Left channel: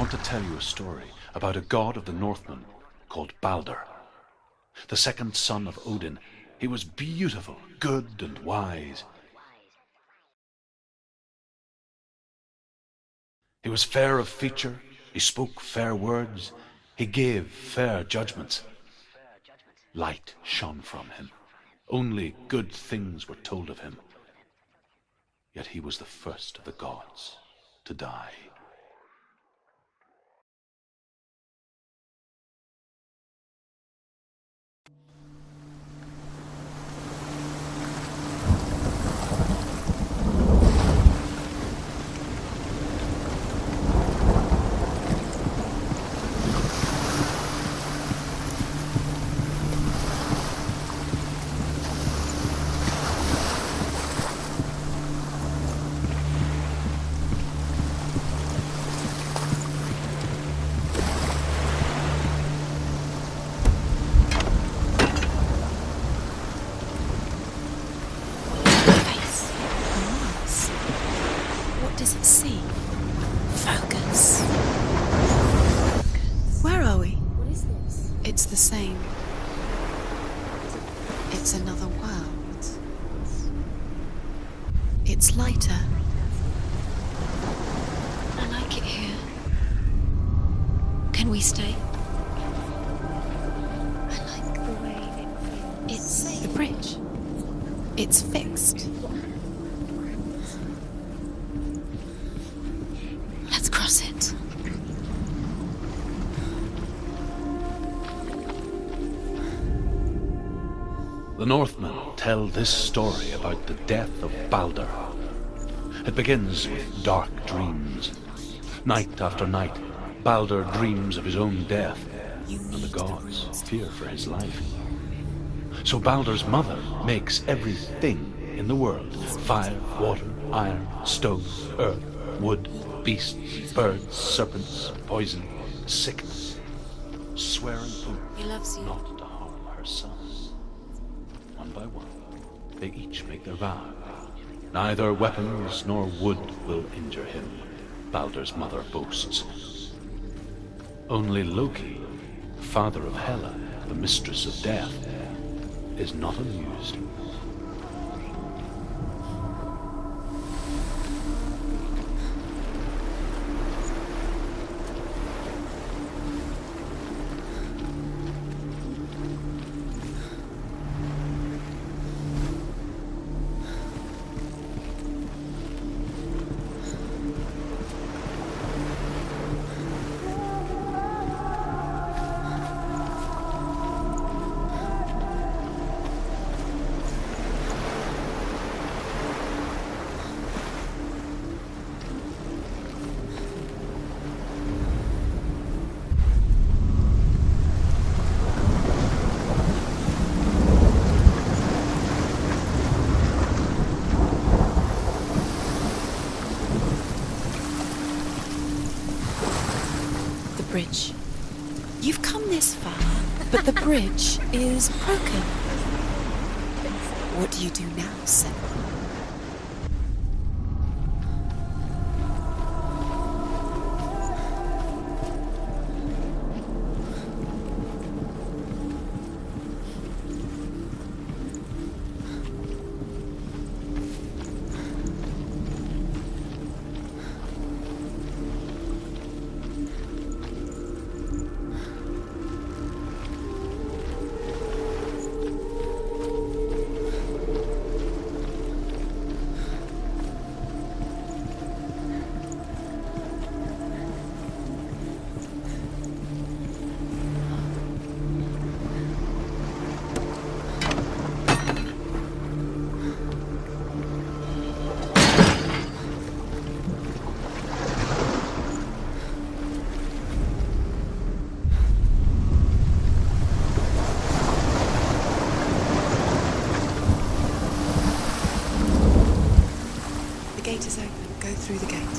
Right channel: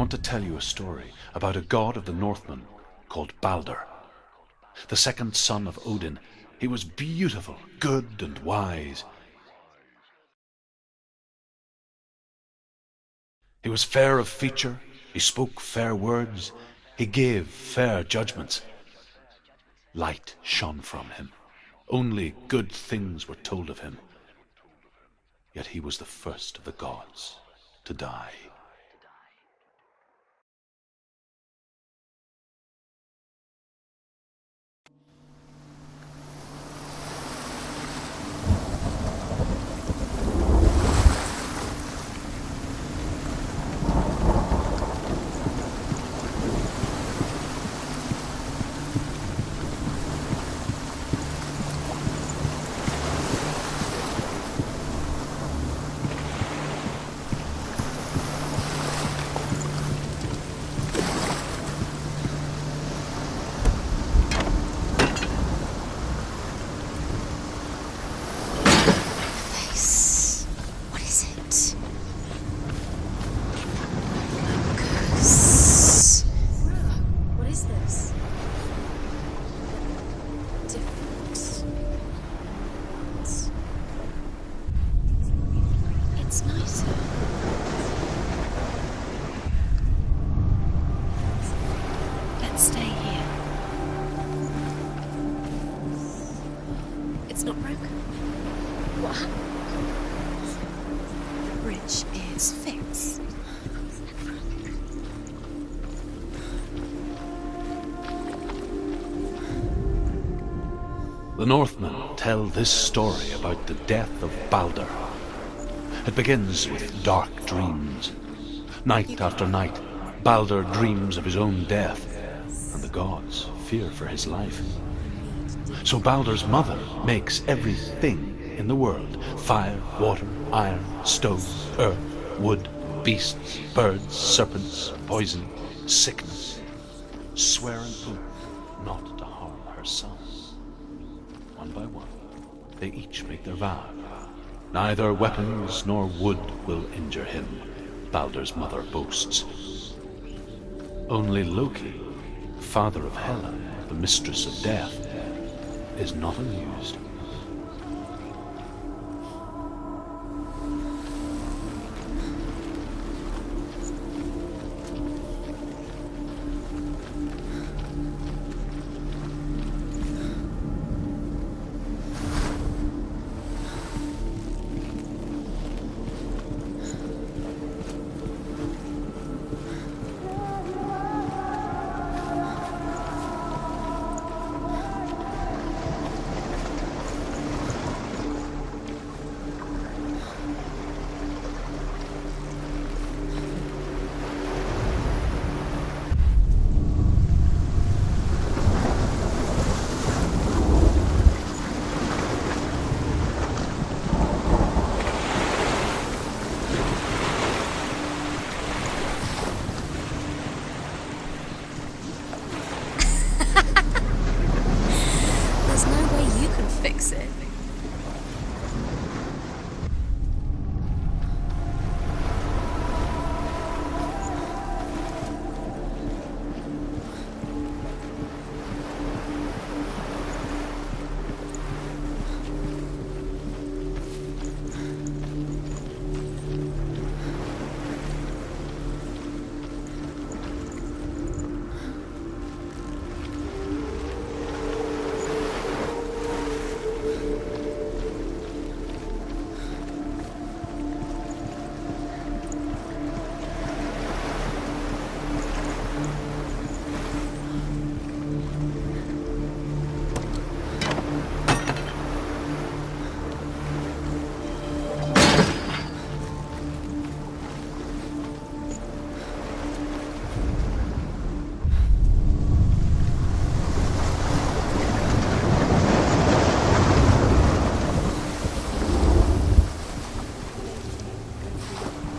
want to tell you a story about a god of the Northmen called Balder. The second son of Odin, he was beautiful, good, and wise. He was fair of feature, he spoke fair words, he gave fair judgments. Light shone from him. Only good things were told of him. Yet he was the first of the gods to die. It's lighter. It's nicer. I like it here. Can we stay? Let's stay here. I like the way it's the bridge. It's not broken. It's fixed. What? The bridge is fixed. Let's cross it. The Northmen tell this story about the death of Balder. It begins with dark dreams. Night after night, Balder dreams of his own death, and the gods fear for his life. So Balder's mother makes everything in the world: fire, water, iron, stone, earth, wood, beasts, birds, serpents, poison, sickness, swear an oath not to harm her son. One by one, they each make their vow. Neither weapons nor wood will injure him, Balder's mother boasts. Only Loki, father of Hela, the mistress of death, is not amused. You've come this far, but the bridge is broken. There's no way you can fix it. What do you do now, Senua?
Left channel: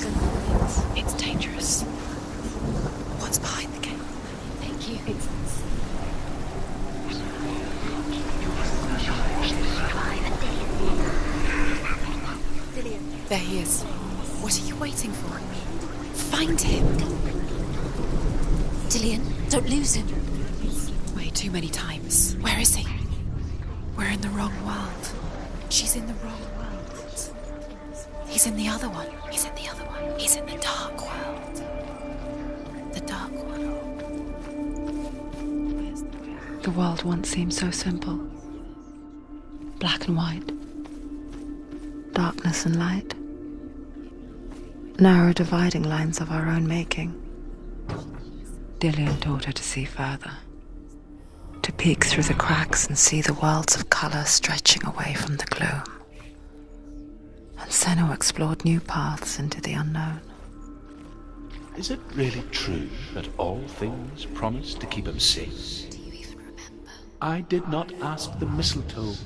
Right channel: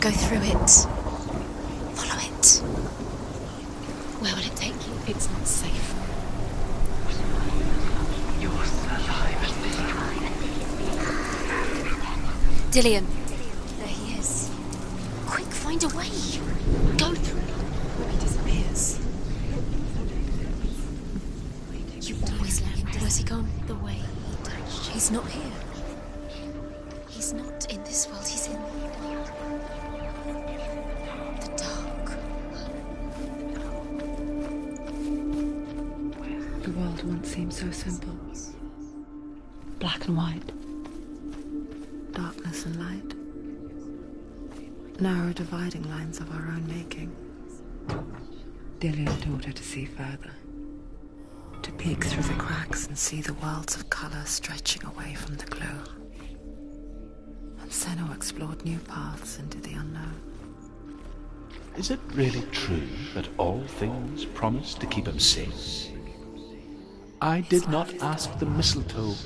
Go through it. It's dangerous. Follow it. What's behind the gate? Where will it take you? It's not safe. Dillion. There he is. There he is. What are you waiting for? Quick, find a way. Find him. Go through. Dillian, don't lose him. Way too many times. Where is he? Where's he gone? We're in the wrong world. He's not here. She's in the wrong world. He's not in this world. He's in the other one. He's in the other one. He's in the dark world. the dark. The dark world. The world once seemed so simple. Black and white. Darkness and light. Narrow dividing lines of our own making. Dillian taught her to see further. To peek through the cracks and see the worlds of color stretching away from the gloom. And Senua explored new paths into the unknown. Is it really true that all things promise to keep him safe? I did not ask the mistletoe,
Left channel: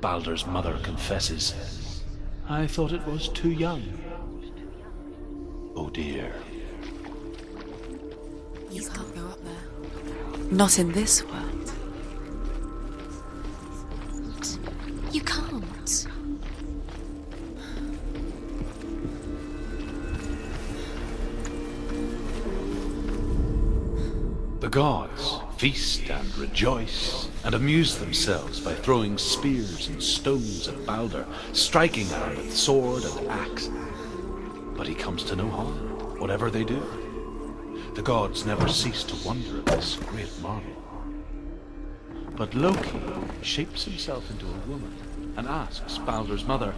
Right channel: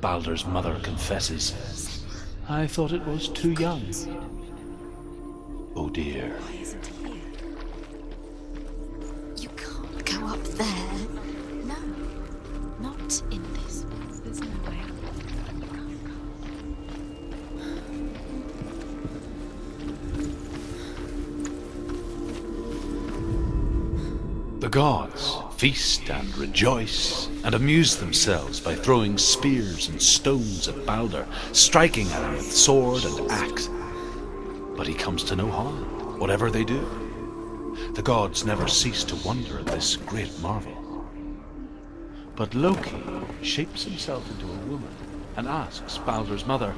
Baldur's mother confesses. I thought it was too young. Oh dear. You can't go up. Not in this world. No, not in this world. You can't. The gods feast and rejoice and amuse themselves by throwing spears and stones at Baldur, striking at him with sword and axe. But he comes to no harm, whatever they do. The gods never cease to wonder at this great marvel. But Loki shapes himself into a woman and asks Baldur's mother,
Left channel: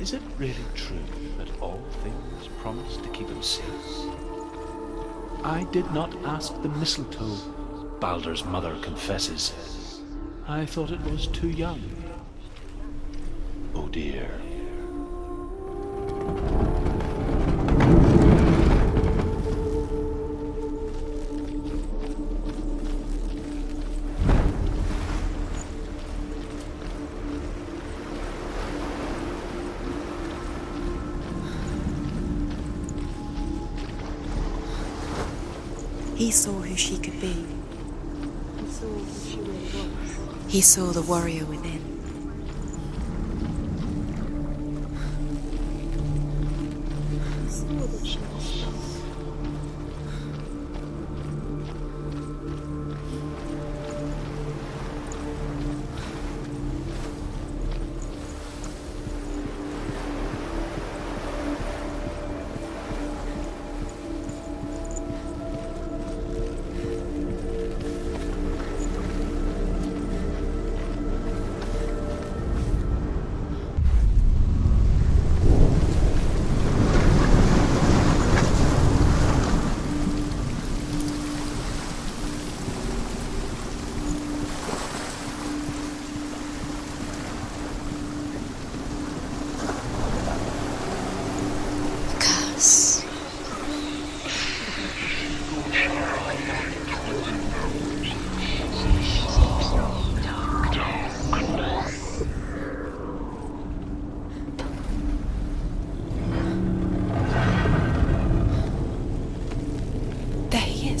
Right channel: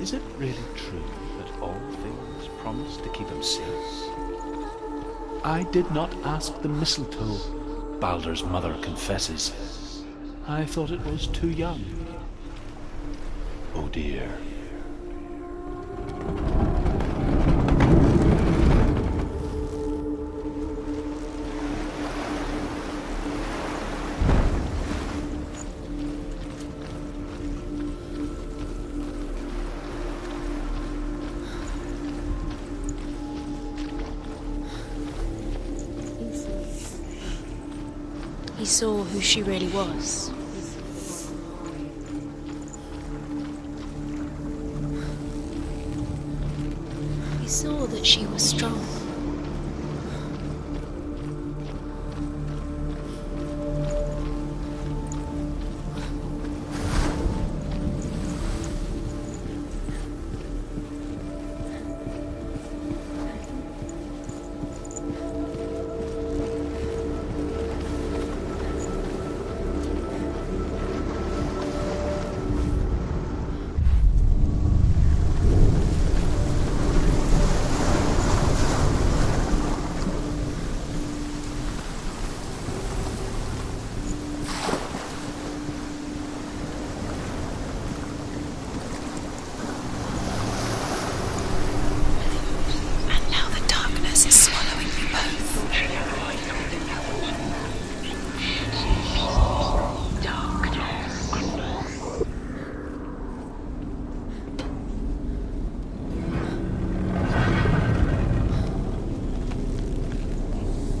is it really true that all things promise to keep him safe? I did not ask the mistletoe, Baldur's mother confesses. I thought it was too young. Oh dear. He saw who she could be. He saw who she really was. He saw the warrior within. He saw that she was strong.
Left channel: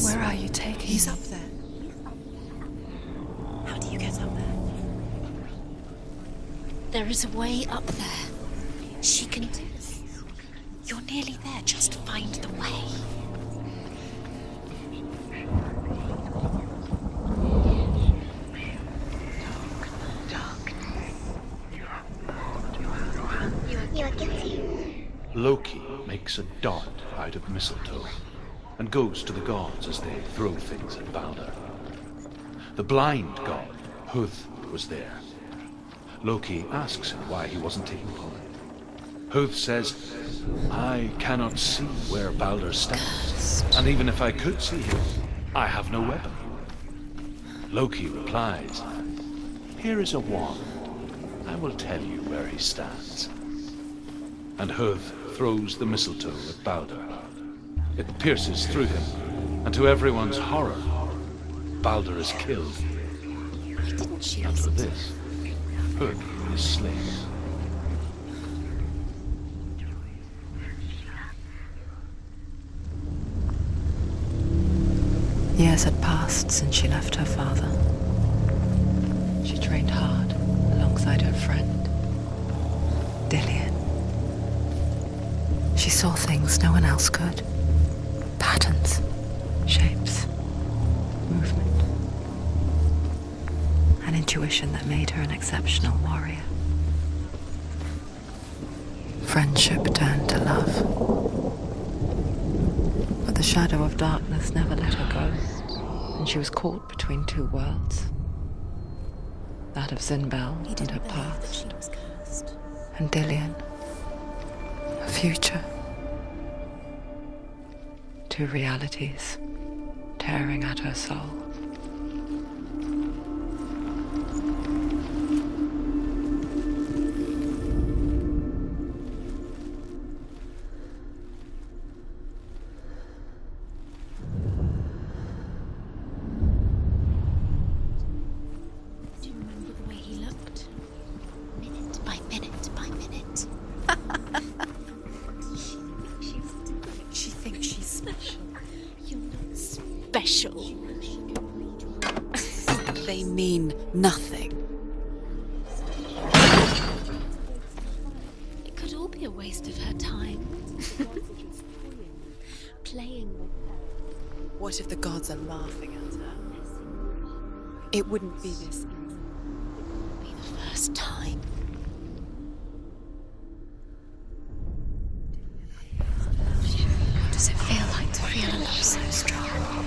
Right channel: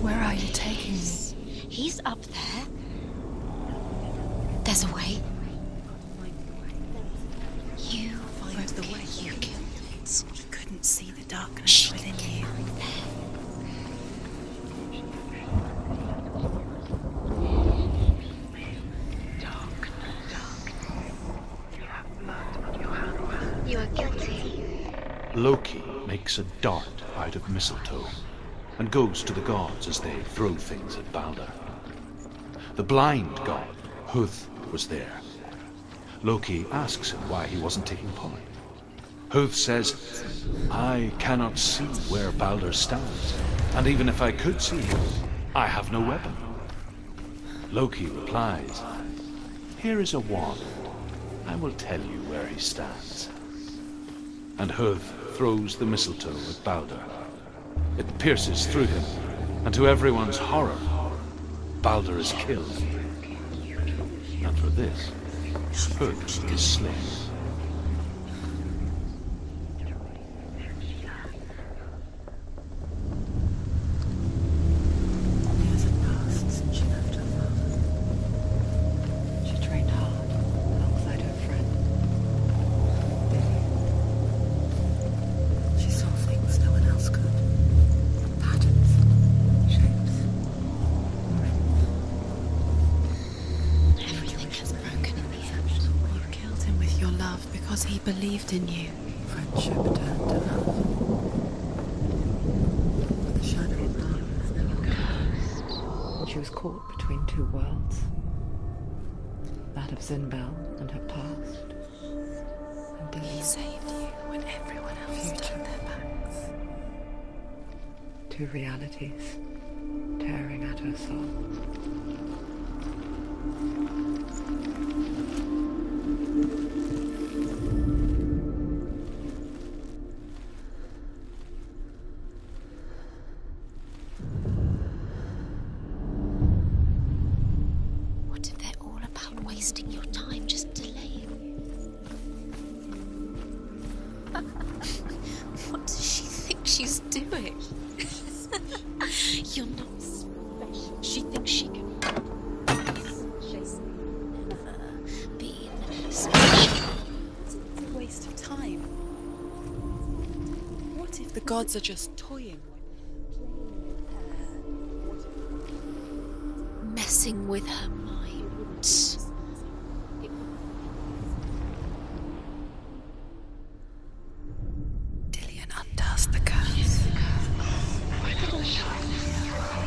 Where are you taking He's me? up there. He's up there. How do you get up there? There's a way. There is a way up there. Find the way. She can do this. You couldn't You're see nearly the there. darkness She'll within find you. a way. You are guilty. Loki makes a dart out of mistletoe and goes to the gods as they throw things at Baldur. The blind god, Huth, was there. Loki asks him why he wasn't taking part. Huth says, I cannot see where Baldur stands, and even if I could see him, I have no weapon. Loki replies, here is a wand. I will tell you where he stands. And Huth throws the mistletoe at Baldur. It pierces through him, and to everyone's horror, Baldur is killed. And for this, Huth is slain. Years had passed since she left her father. She trained hard alongside her friend, Dillian. She saw things no one else could. Patterns, shapes, exceptional warrior. Killed him with your love because he believed in you. Friendship turned to love. But the shadow of darkness never let her go, and she was caught between two worlds. That of Zinbel and her past, and Dillian, her future. Two realities tearing at her soul. What if they're all about wasting your time, just delaying minute by minute by minute? What does she think she's doing? You're not special. She thinks she can They mean nothing. be nice. Waste of time. Could all be a waste of her time. What if the gods are just toying? Playing, What if the gods are laughing at her? messing with her. It wouldn't be this. Be the first time. Dillian undoes the curse. Does it feel like to feel so strong?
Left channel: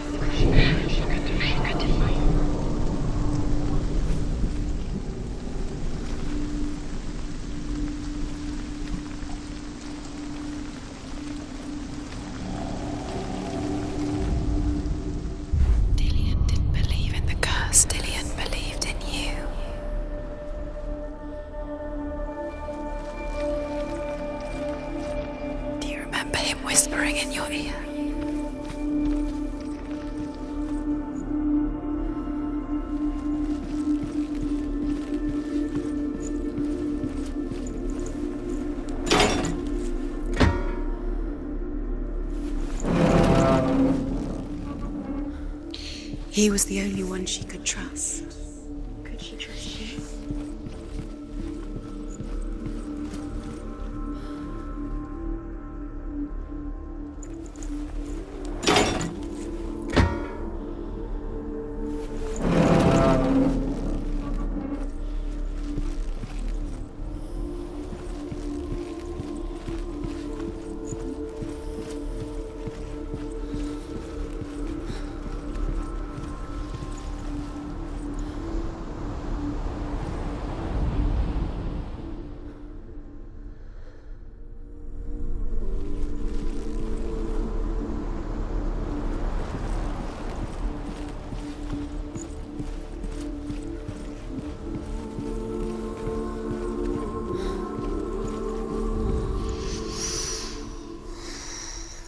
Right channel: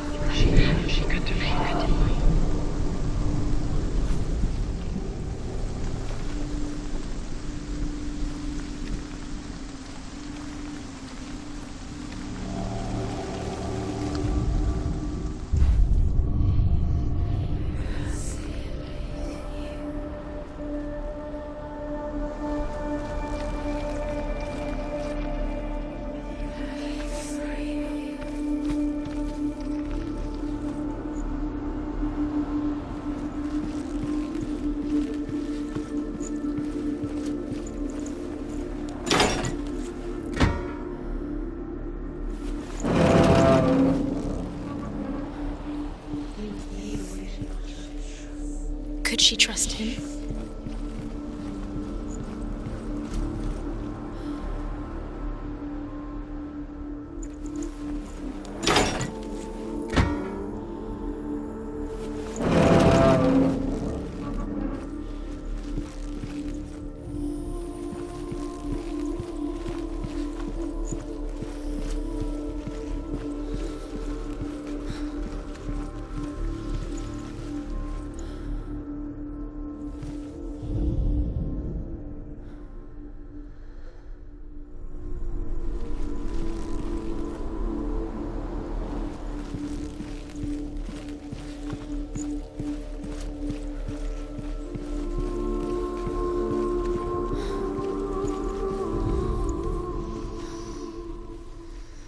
Dillian didn't believe in the curse. Dillian believed in you. Do you remember him whispering in your ear? He was the only one she could trust. Could she trust him?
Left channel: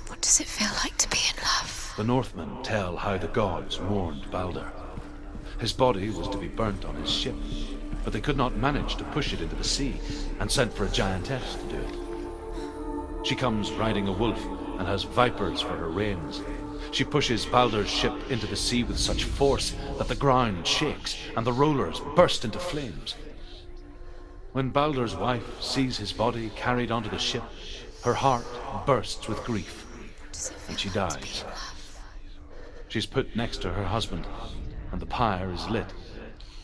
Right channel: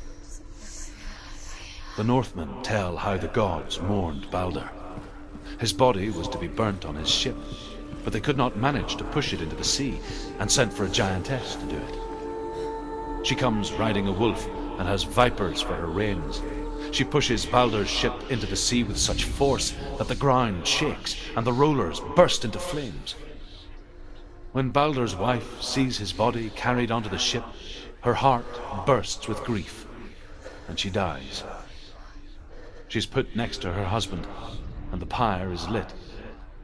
What does it feel like to be in love? The Northmen tell how the gods mourned Balder. His body was to be burnt on his ship, but they could not manage to push it into the sea, and sent for a giantess to do it. She comes riding a wolf and has vipers for her reins. She pushes Balder's ship into the sea with such force that the ground shakes and the rollers burst into flames. When Balder's wife sees his body carried onto the ship, her heart bursts with grief, and she dies. She's put next to her husband, and the pyre is lit,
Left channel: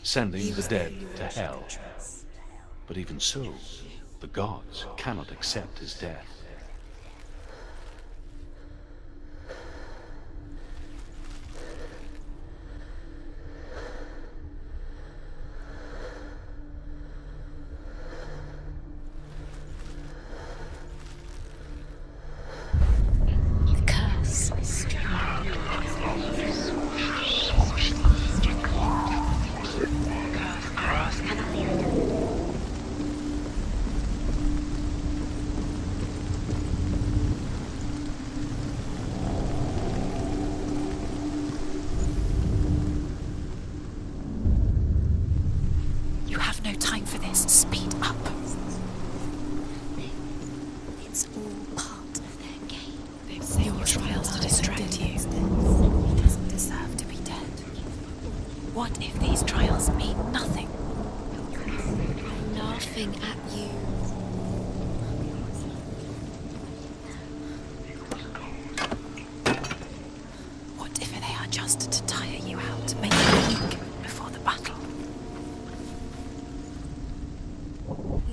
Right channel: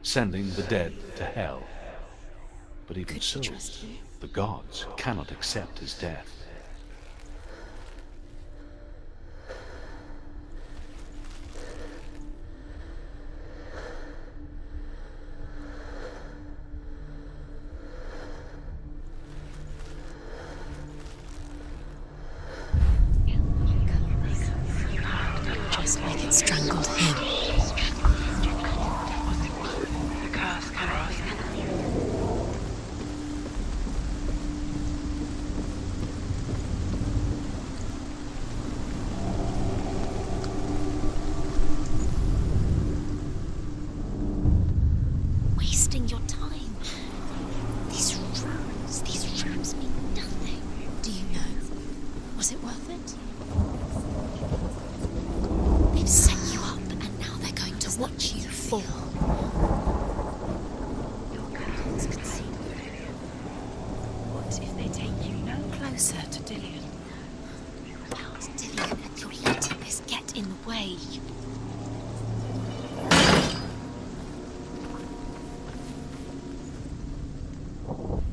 sending the dead to hell. But even so, the gods cannot accept his death. Curse. Strangled him.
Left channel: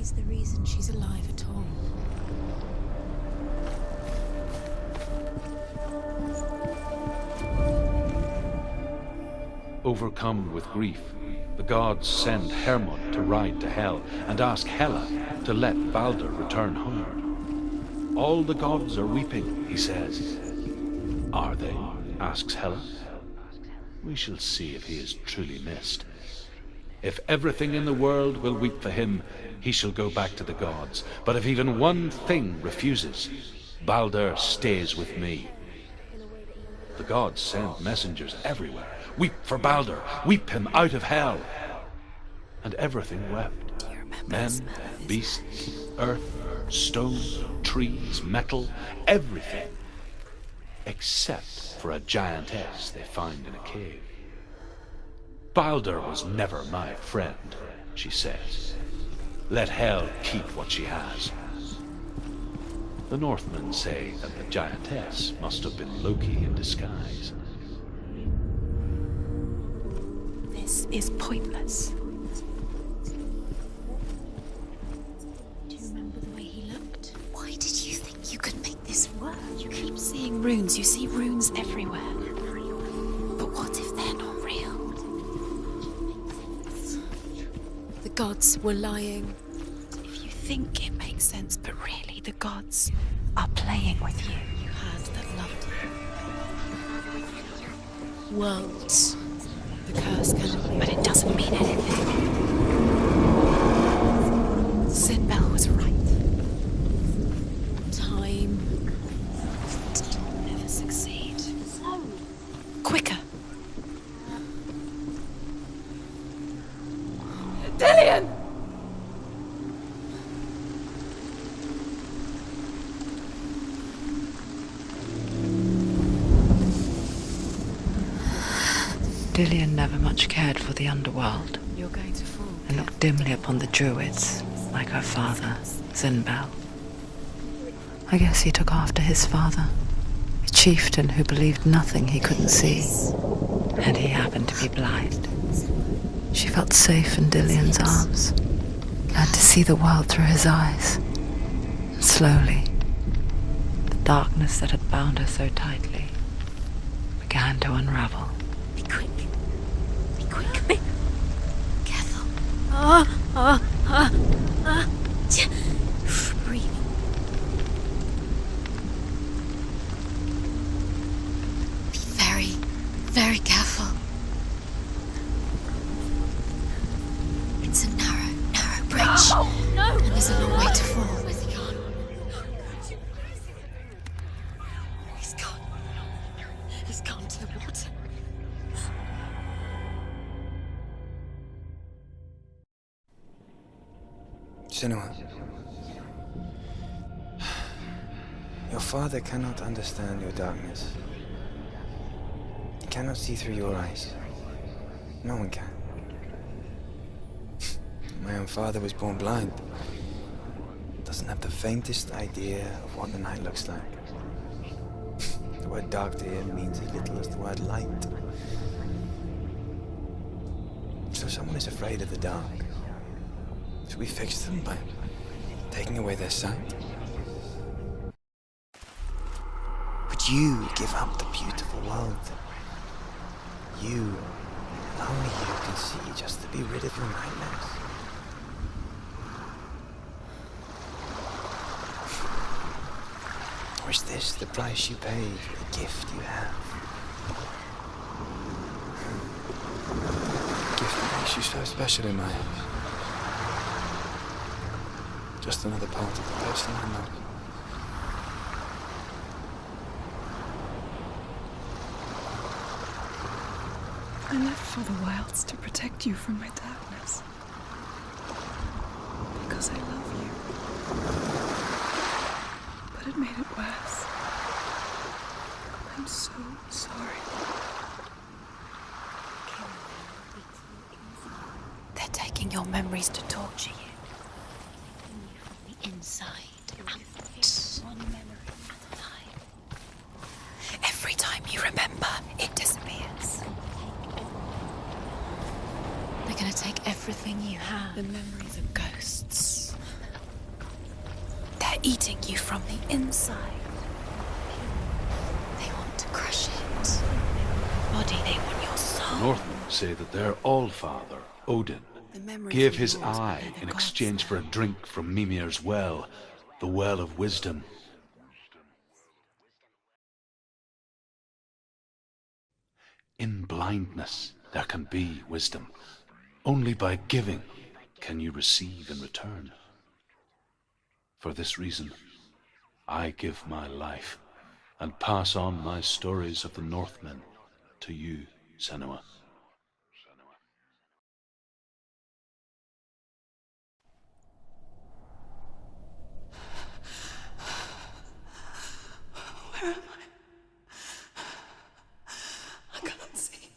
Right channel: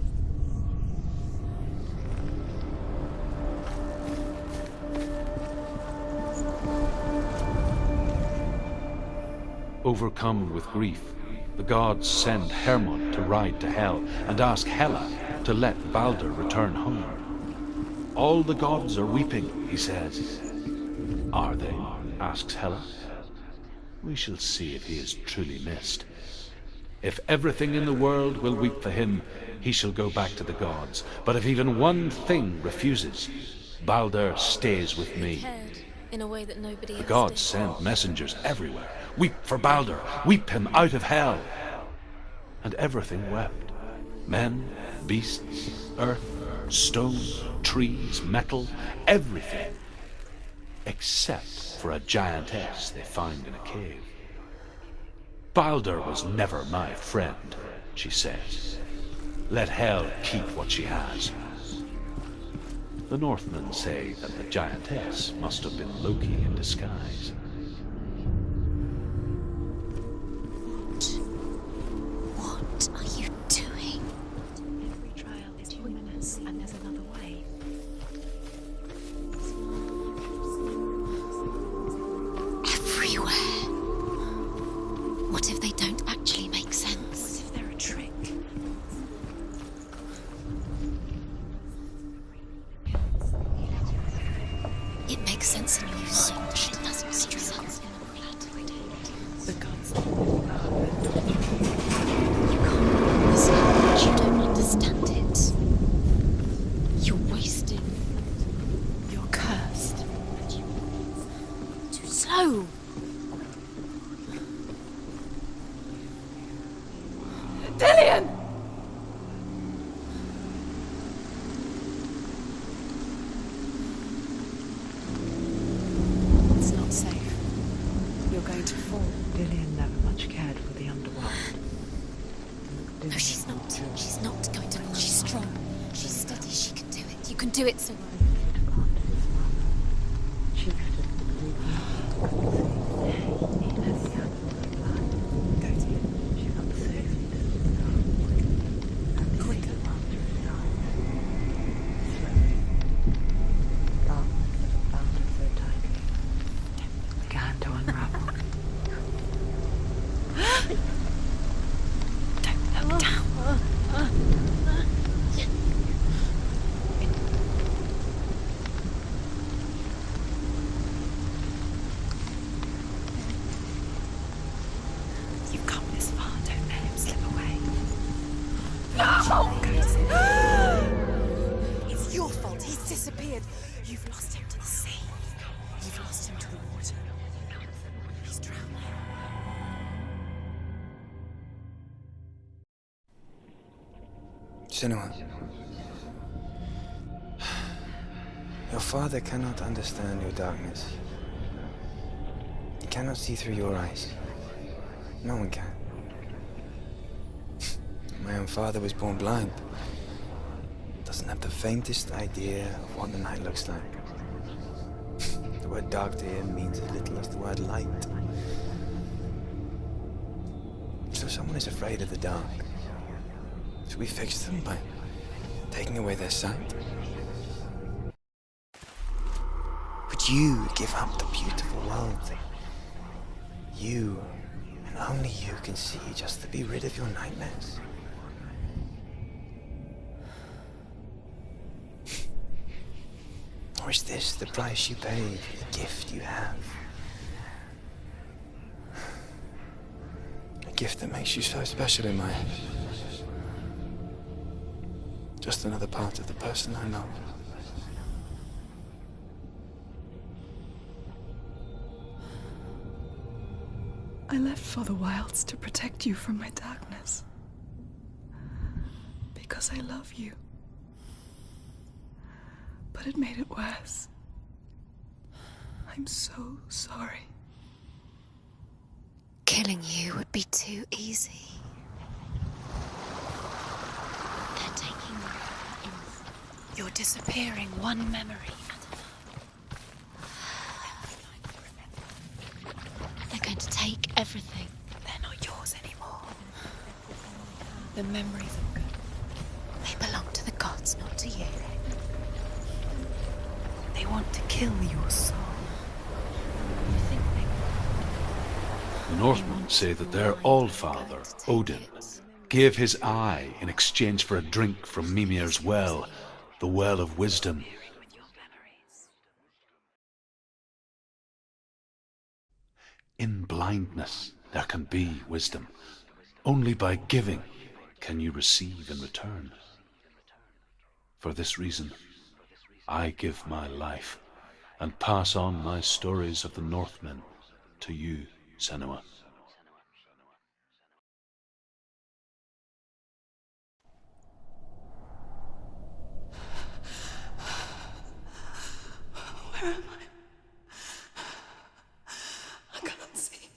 He's the reason she's alive at all. Overcome with grief, the gods send Hermod to ride to Hell and ask Hela to let Balder return home. All the gods are weeping, he says. Are they? Asks Hela. We shall see if he is truly missed. If everything in the world will weep for him, he shall go back to the gods. But if even one thing refuses, Balder stays with me. In a way that nobody The else gods did. send messengers everywhere. Weep for Balder. Weep him out of Hell. And everything wept. Men, beasts, earth, stone, trees, metal, everything. Except for a giantess they found in a cave. Balder was never my friend, she says. Let Hel keep what she has. The Northmen say that the giantess must have been Loki in disguise. This is pointless. What are you doing? Why did you think you could make this work? You keep seeing runes. You see runes everywhere. Everywhere. What if they're not real? What if they don't actually make sense? They're a trick. The gods were lying. If you think it makes sense, but really the gods are playing with you. It makes sense in you, so it doesn't struggle. Worlds. The gods curse can, but it doesn't mean anything. You don't understand. Senua was right. You're wasting time. You're cursed. You'll succeed. Slow, quicker. Dillian! It's not safe. You're going to fall. Dillian never much cared for the underworld You're going to fall. and looked dimly upon the druids, like her father, Zinbal. You can do it, son. I guess he took after his father, a chieftain who believed nothing he couldn't see, and he happened to be blind. She felt safe in Dillian's arms, learned to see the world through his eyes. And slowly, the darkness that had bound her so tightly began to unravel. Be quick. Be quick. Careful. Breathe. Be very, very careful. You've come this far, don't let him slip away. It's a narrow bridge. No! There's a long way to fall. It's your fault. He's disappeared. You've lost him to the sea. He's gone. You've lost him. Just gone to the water. He's drowned. Senua, your father cannot understand your darkness. He cannot see through your eyes. No one can. My own father was born blind. Doesn't have the faintest idea of what the night looks like. The word dark to him means as little as the word light. So someone is afraid of the dark. Should we fix them by taking away their sight? Would you give up the beautiful world that you, and only you, can see just to be rid of your nightmares? Or is this the price you pay for the gift you have? A gift that makes you so special in my eyes. Just another part of the person I love. I left for the wilds to protect you from my darkness. Because I love you. But it made it worse. I'm so sorry. Killing you would be too easy. They're taking your memories to torture you. They're taking them from the inside. You're disappearing one memory at a time. Every time you remember, it disappears. They're going to take everything. They're not yours anymore. They're going to take everything you have. The memories of ghosts. They eating you from the inside. They want to kill your soul. They want to crush it. They want your body. They want your soul. The Northmen say that their Allfather, Odin, gave his eye in exchange for a drink from Mimir's well, the Well of Wisdom. In blindness there can be wisdom. Only by giving can you receive in return. For this reason, I give my life and pass on my stories of the Northmen to you, Senua. Where am I? I can't see.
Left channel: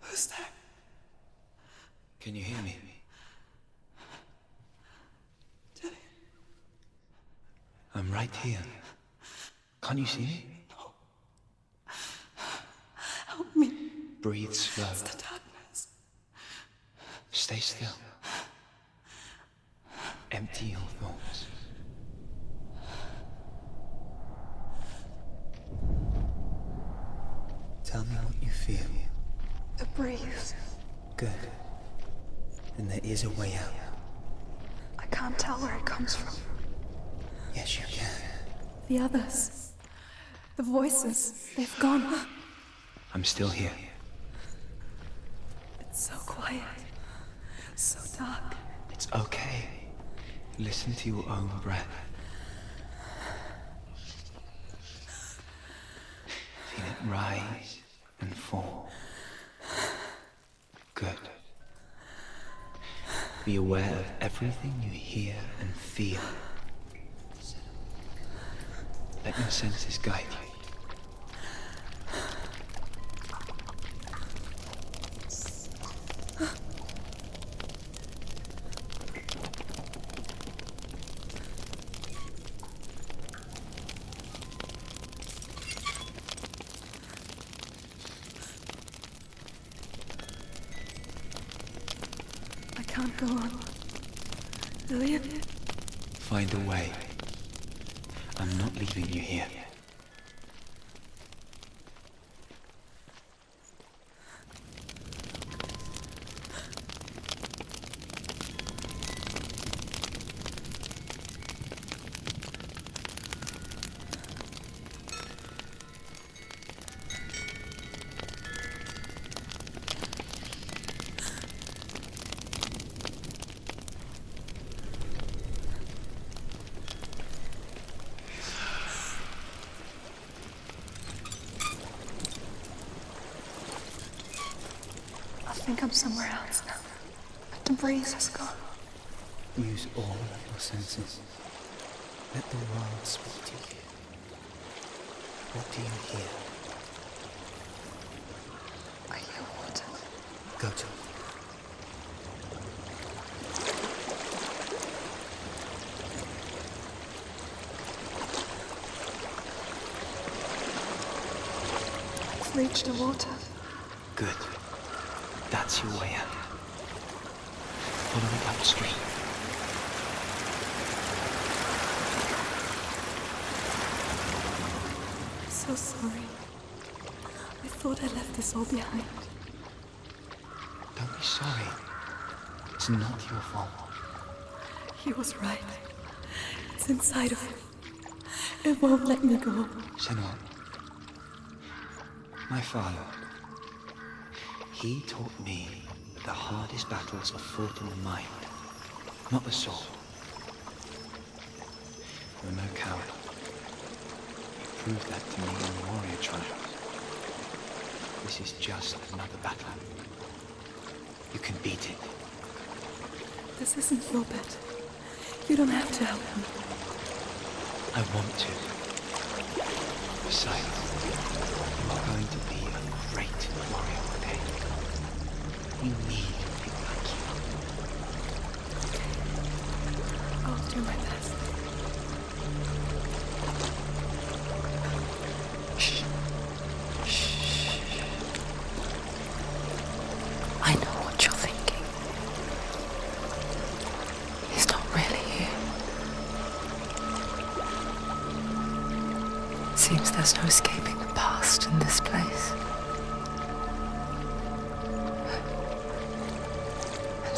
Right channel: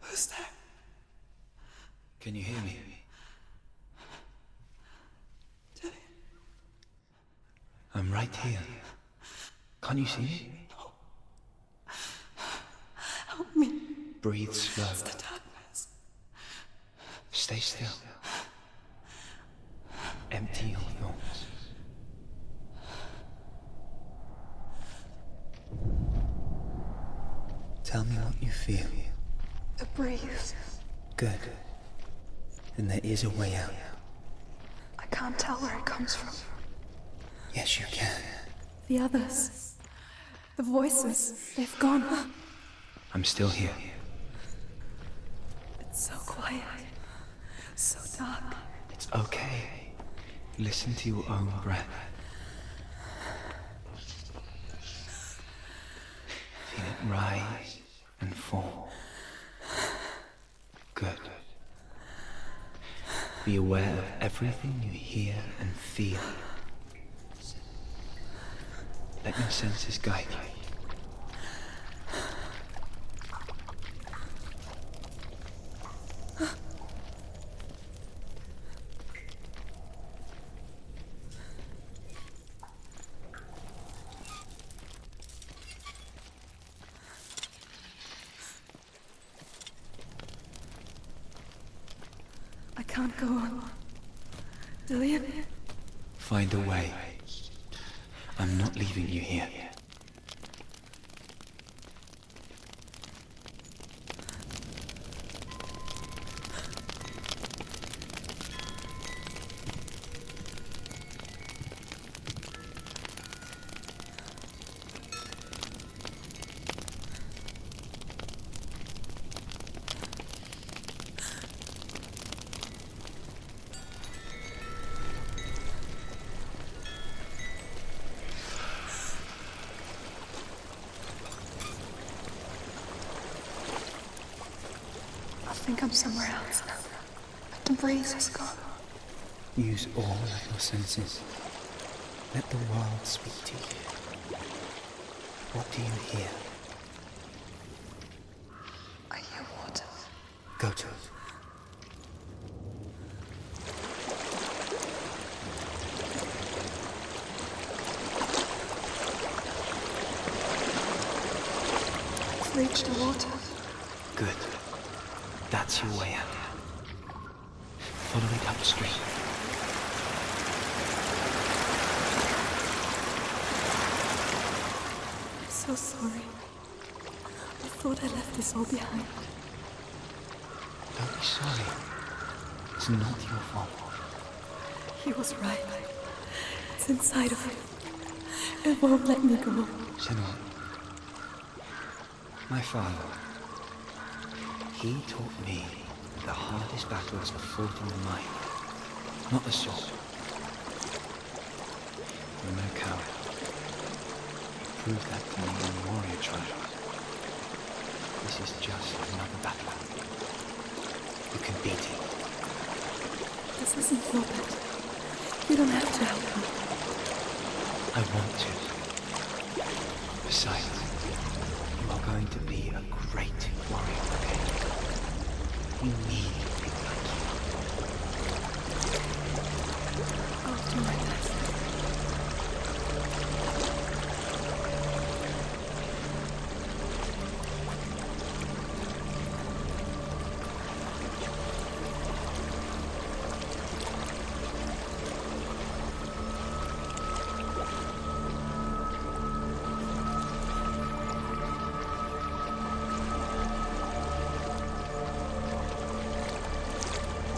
Who's there? Can you hear me? Dillian? I'm right here. Can't you see me? No. Help me. Breathe slow. It's the darkness. Stay still. Empty your thoughts. Tell me what you feel. The breeze. Good. Then there is a way out. I can't tell where it comes from. Yes, you can. The others. The voices. They've gone. I'm still here. It's so quiet. So dark. It's okay. Listen to your own breath. Feel it rise and fall. Good. Be aware of everything you hear and feel. Let your senses guide you. I can't go on. Dillian? Find a way. I'm not leaving you here. I think I'm somewhere else now. But the breeze has gone. Use all of your senses. Let the world speak to you. What do you hear? I hear water. Go to it. I've reached the water. Good. That's your way out. Follow it upstream. I'm so sorry. I thought I left this all behind. Don't be sorry. It's not your fault. He was right. It's inside of me. It won't let me go. Senua, my father, he taught me that the hardest battles are fought in the mind, not the soul. You're no coward. You proved that to me in the warrior trials. This is just another battle. You can beat it. This isn't your battle. You don't have to help me. I want to. Besides, you are going to be a great warrior, okay? You need people like you. I'll do my best. I know what you're thinking.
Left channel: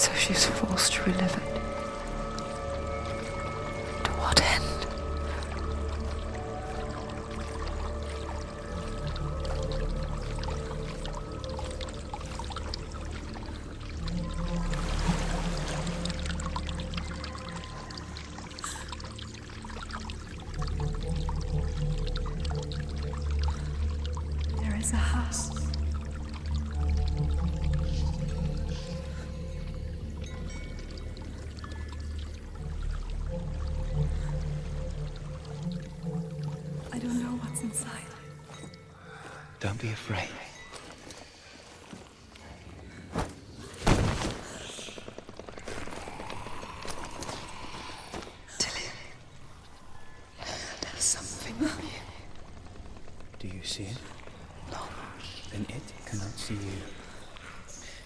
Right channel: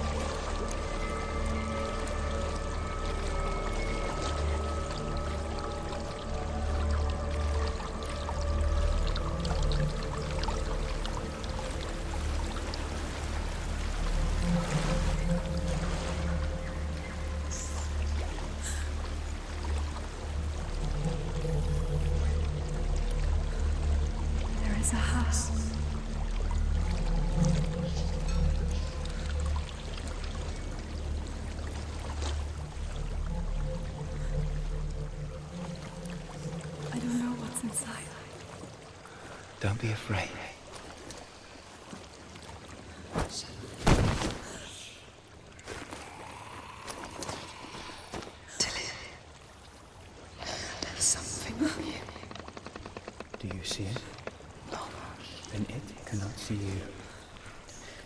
So she's forced to relive it. To what end? There is a house. I don't know what's inside. Don't be afraid. Tilly, there's something of you. Do you see it? No. Then it cannot see you.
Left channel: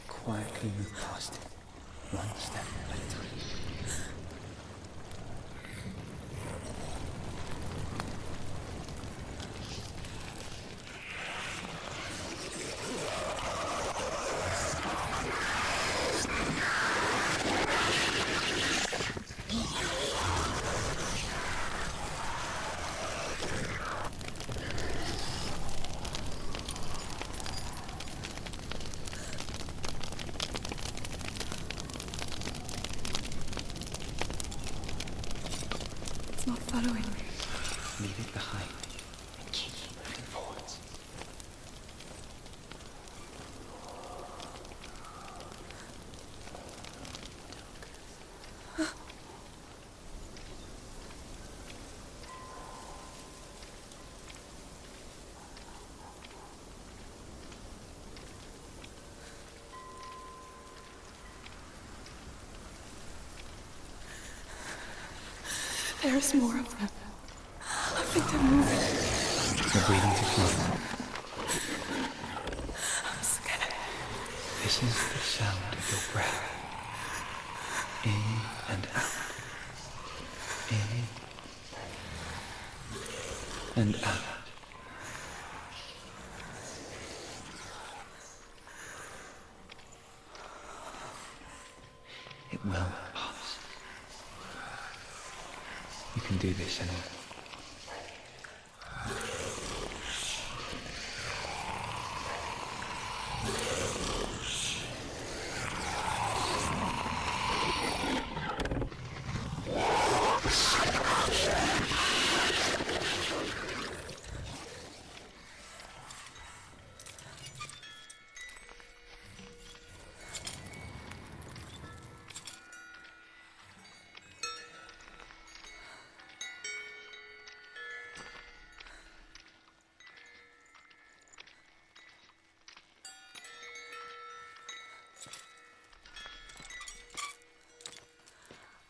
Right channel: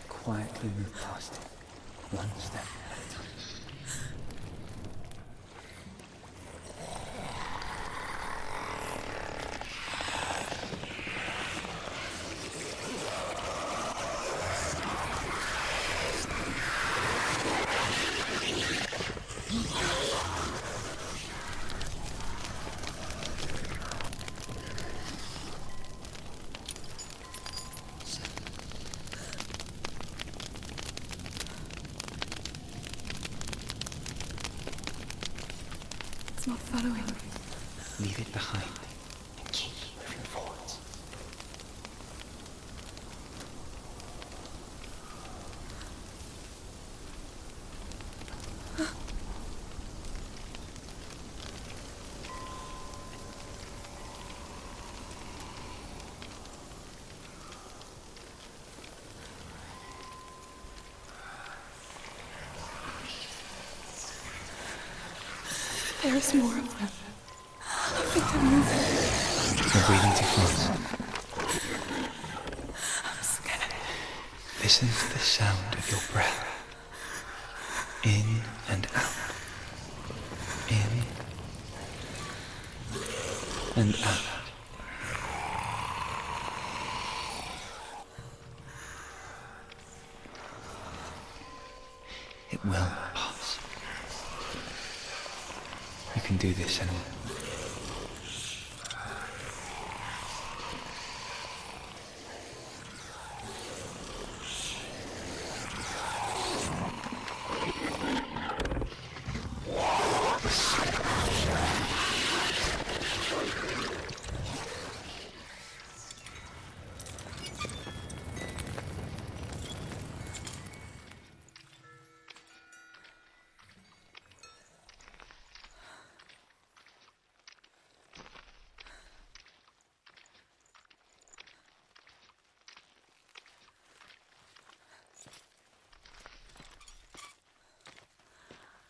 Quietly move past it. One step at a time. It's not following me. Leave it behind and keep moving forwards. There's more of them. I think they're moving. You're breathing too fast. I'm scared. Listen to the sound of your breath. In and out. In and out. It will pass. You can do this, Senua.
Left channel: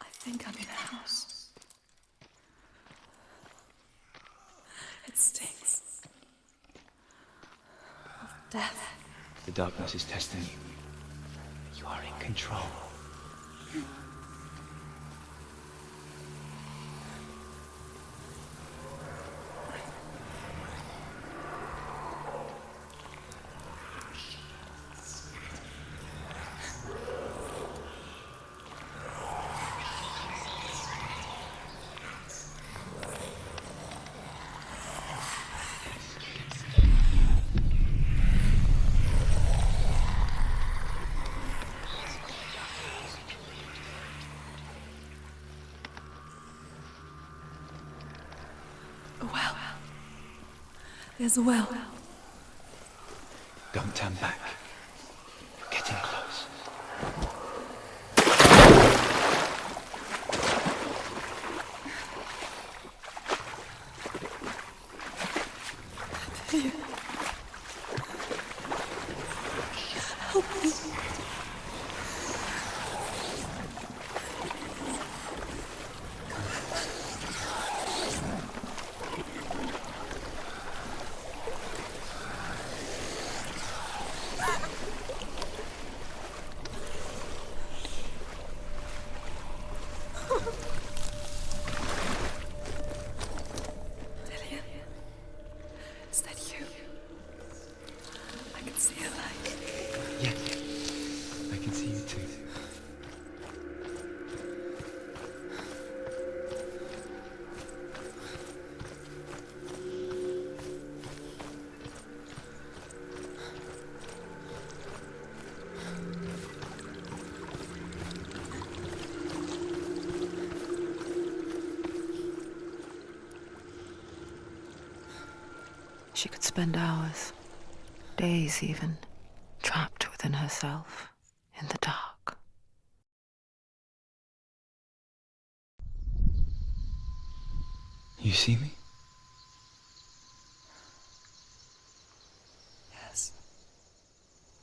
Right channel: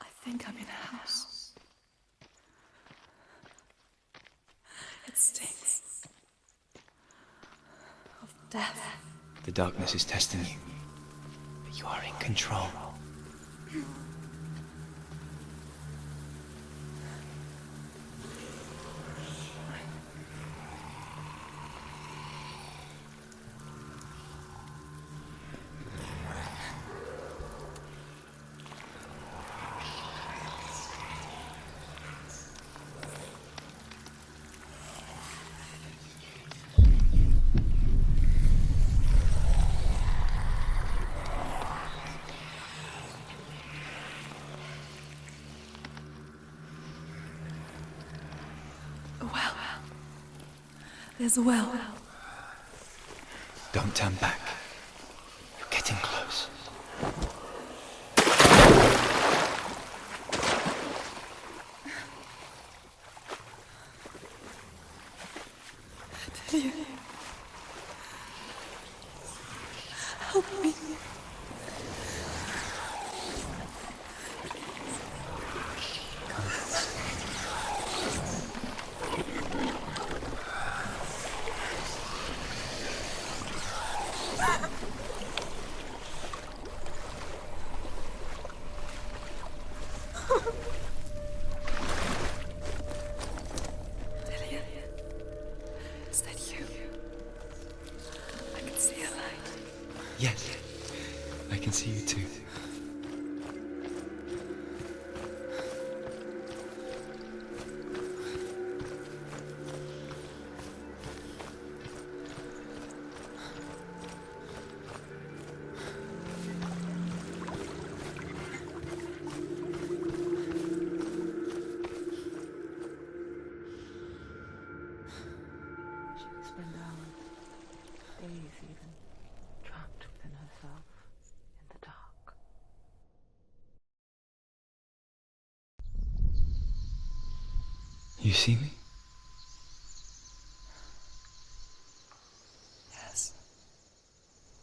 I think I'm in a house. It stinks of death. The darkness is testing you. But you are in control. A well. There's a well. Don't turn back. You're getting close. Delia. Help me. Delia. Is that you? I can see a light. Yes, I can see you too. She could spend hours, days even, trapped within herself, in the dark. You see me? Yes.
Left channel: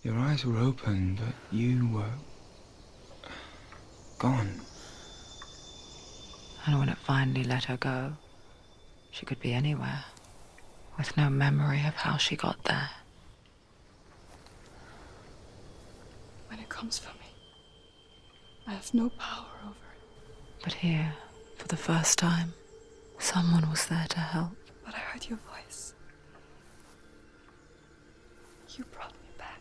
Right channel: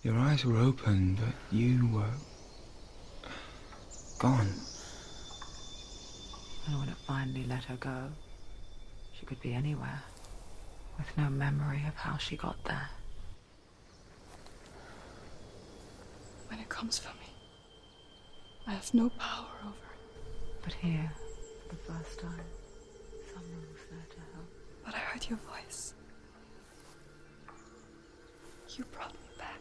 Your eyes were open, but you were gone. And when it finally let her go, she could be anywhere, with no memory of how she got there. When it comes for me, I have no power over it. But here, for the first time, someone was there to help. But I heard your voice. You brought me back.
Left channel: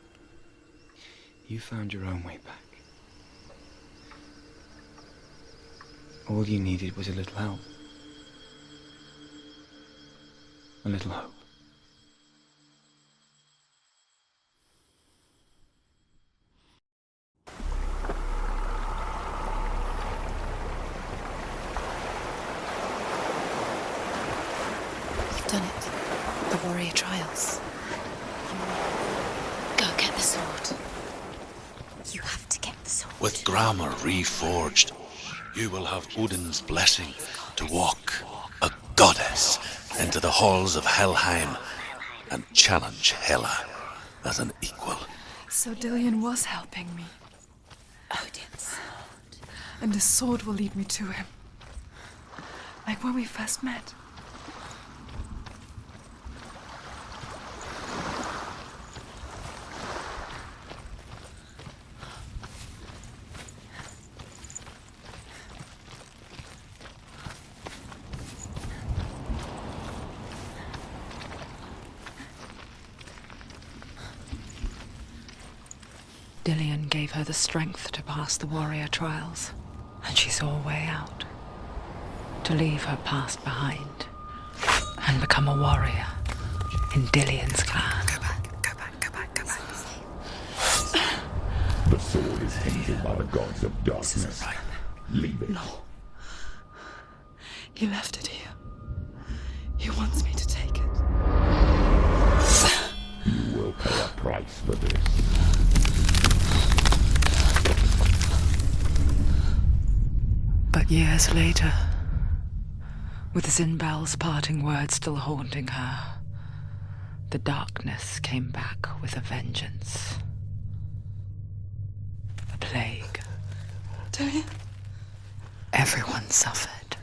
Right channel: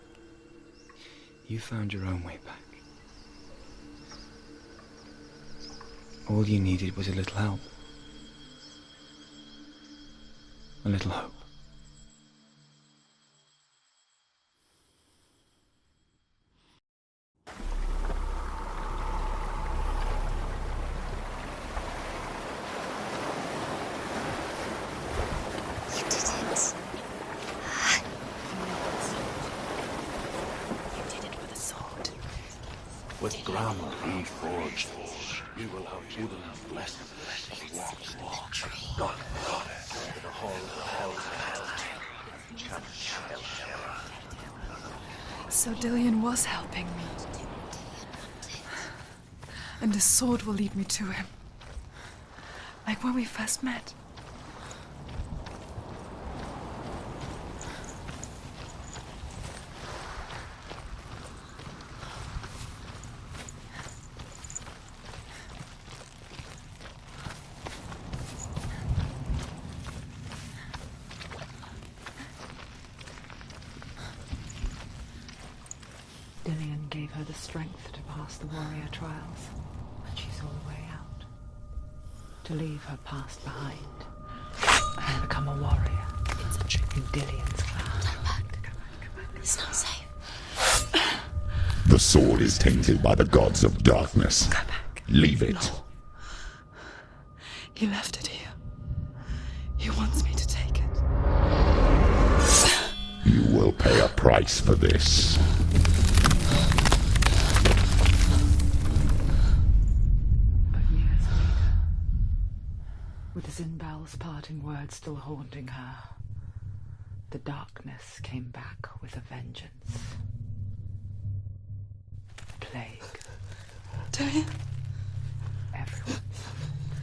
You found your own way back. All you needed was a little help. A little hope. You've done it. The warrior trials. Go get the sword. You did it with the sword. You have to get the sword. With GRAMR reforged, you will have Odin's blessing to walk, a goddess, into the halls of Helheim and challenge Hela as an equal. So Dillion was helping me. And the sword will lead me to him. Like when we first met. Dillion gave her the strength to pass the warrior trials, and she saw a way out. To leave her past behind and become a warrior in Dillion's clan. Go back. It's not safe. The sword is tainted by the gods of darkness. Leave it. No. He left it here. He wants me to take it. You will pay a price for this. But years later, with Zinbal's parting words still haunting her, the darkness came back with a vengeance. The plague. Dillion? Everyone suffered.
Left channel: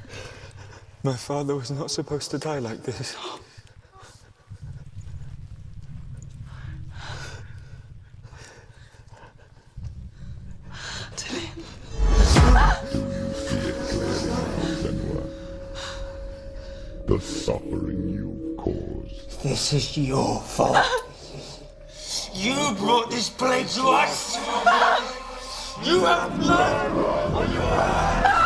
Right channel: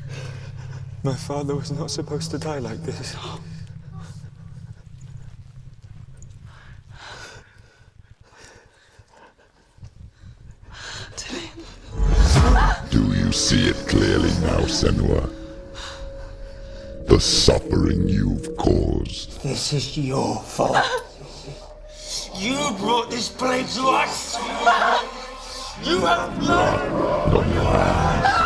My father was not supposed to die like this. Do you see it clearly now, Senua? The suffering you've caused. This is your fault. You brought this plague to us! You have blood on your hands!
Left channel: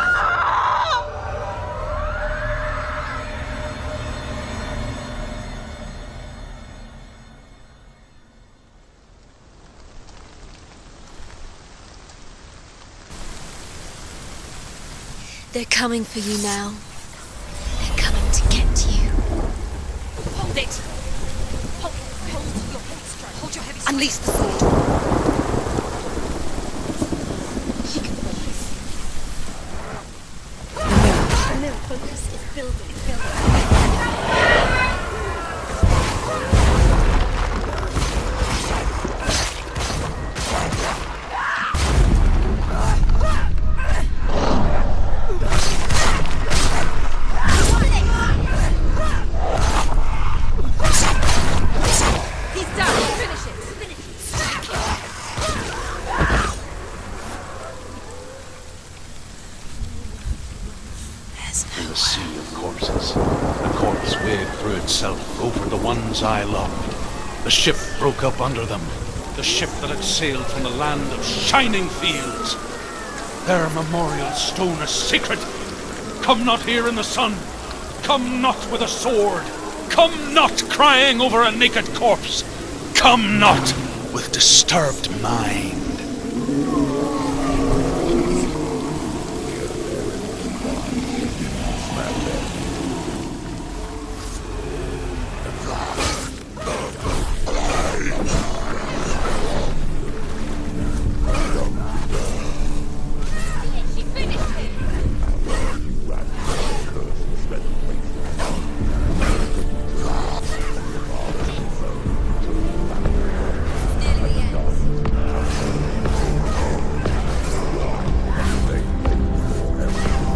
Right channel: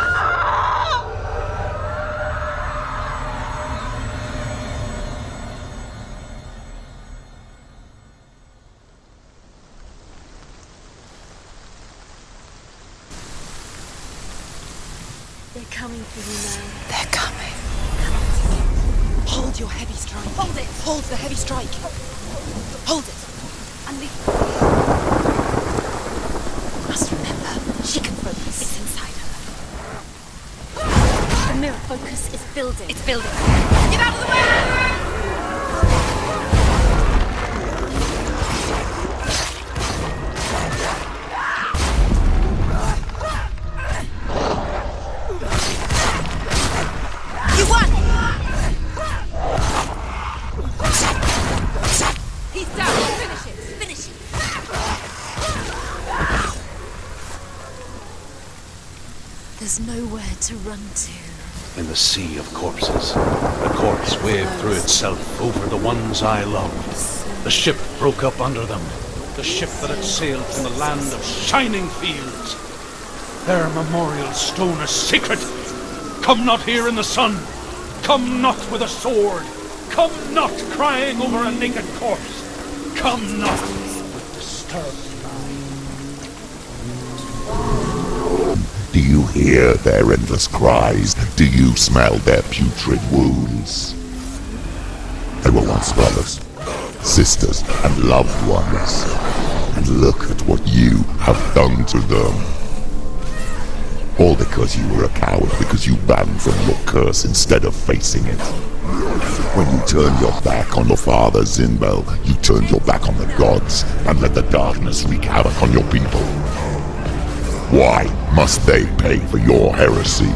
They're coming for you now. They're coming. They're coming to get you. Hold your heavy strike. Hold it. Hold the heavy strike. Hold it. Hold your heavy strike. Unleash the sword. Must remember, she can focus. It's inside her. The mirror focus is building. It's building. Get out of the way! There's nowhere to run to. In the sea of corpses, a corpse waved through itself over the ones I loved. The ship broke up under them. The ship that had sailed from a land of shining fields. Their memorial stone is sacred. Come not here in the sun. Come not with a sword. Come not crying over a naked corpse. Come not with disturbed mind. Do you hear their endless cries? Do you smell their putrid wounds? They were once brothers, sisters, and loved ones. And look at what you have done to them. All because you were a coward, because you ran from your curse instead of facing it. When you turned your back on your father Zinbel, you turned your back on the gods and let the darkness wreak havoc on your people. Why must they pay for your heresy?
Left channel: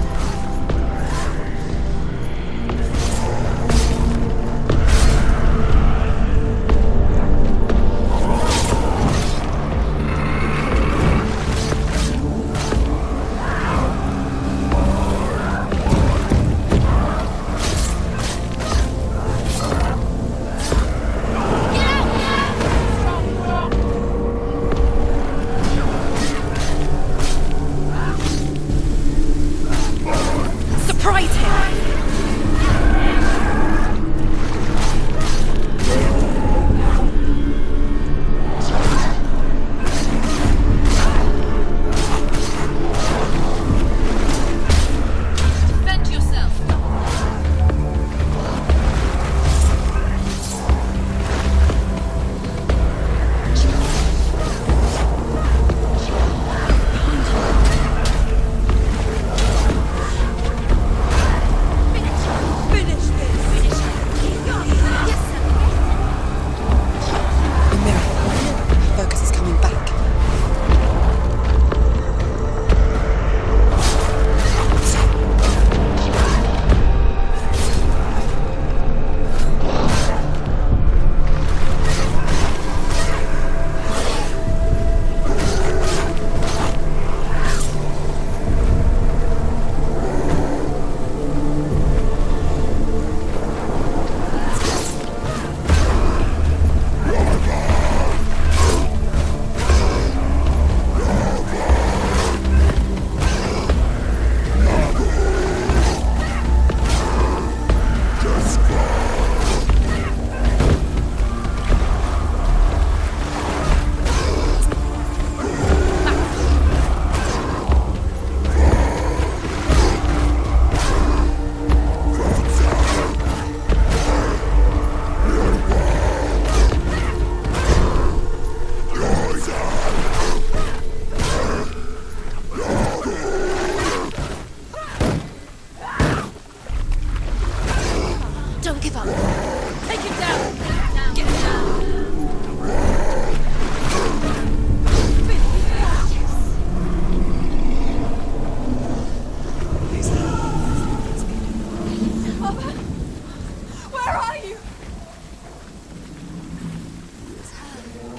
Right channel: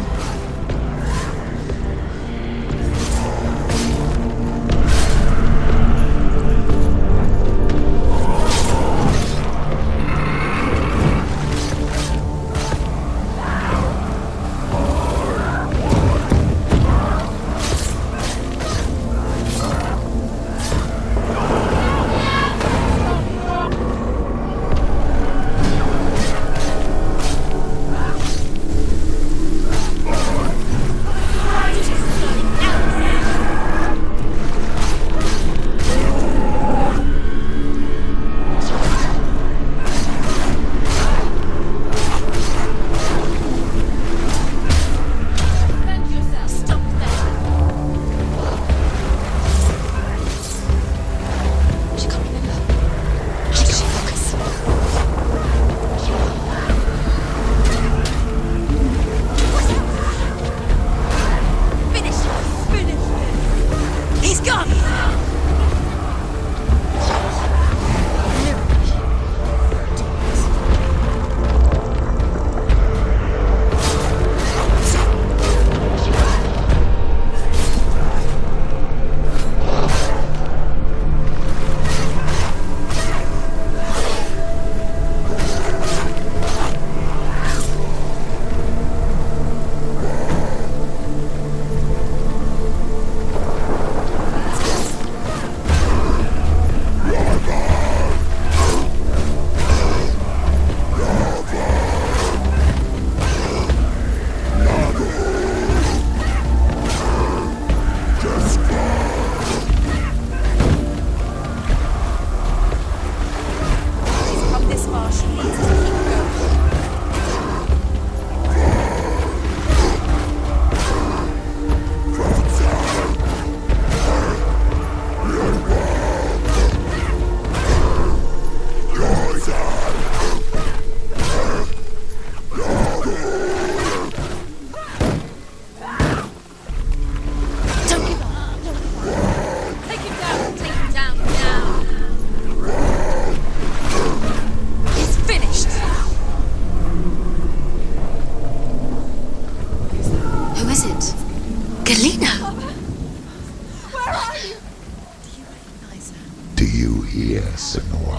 Do you hear, Senua?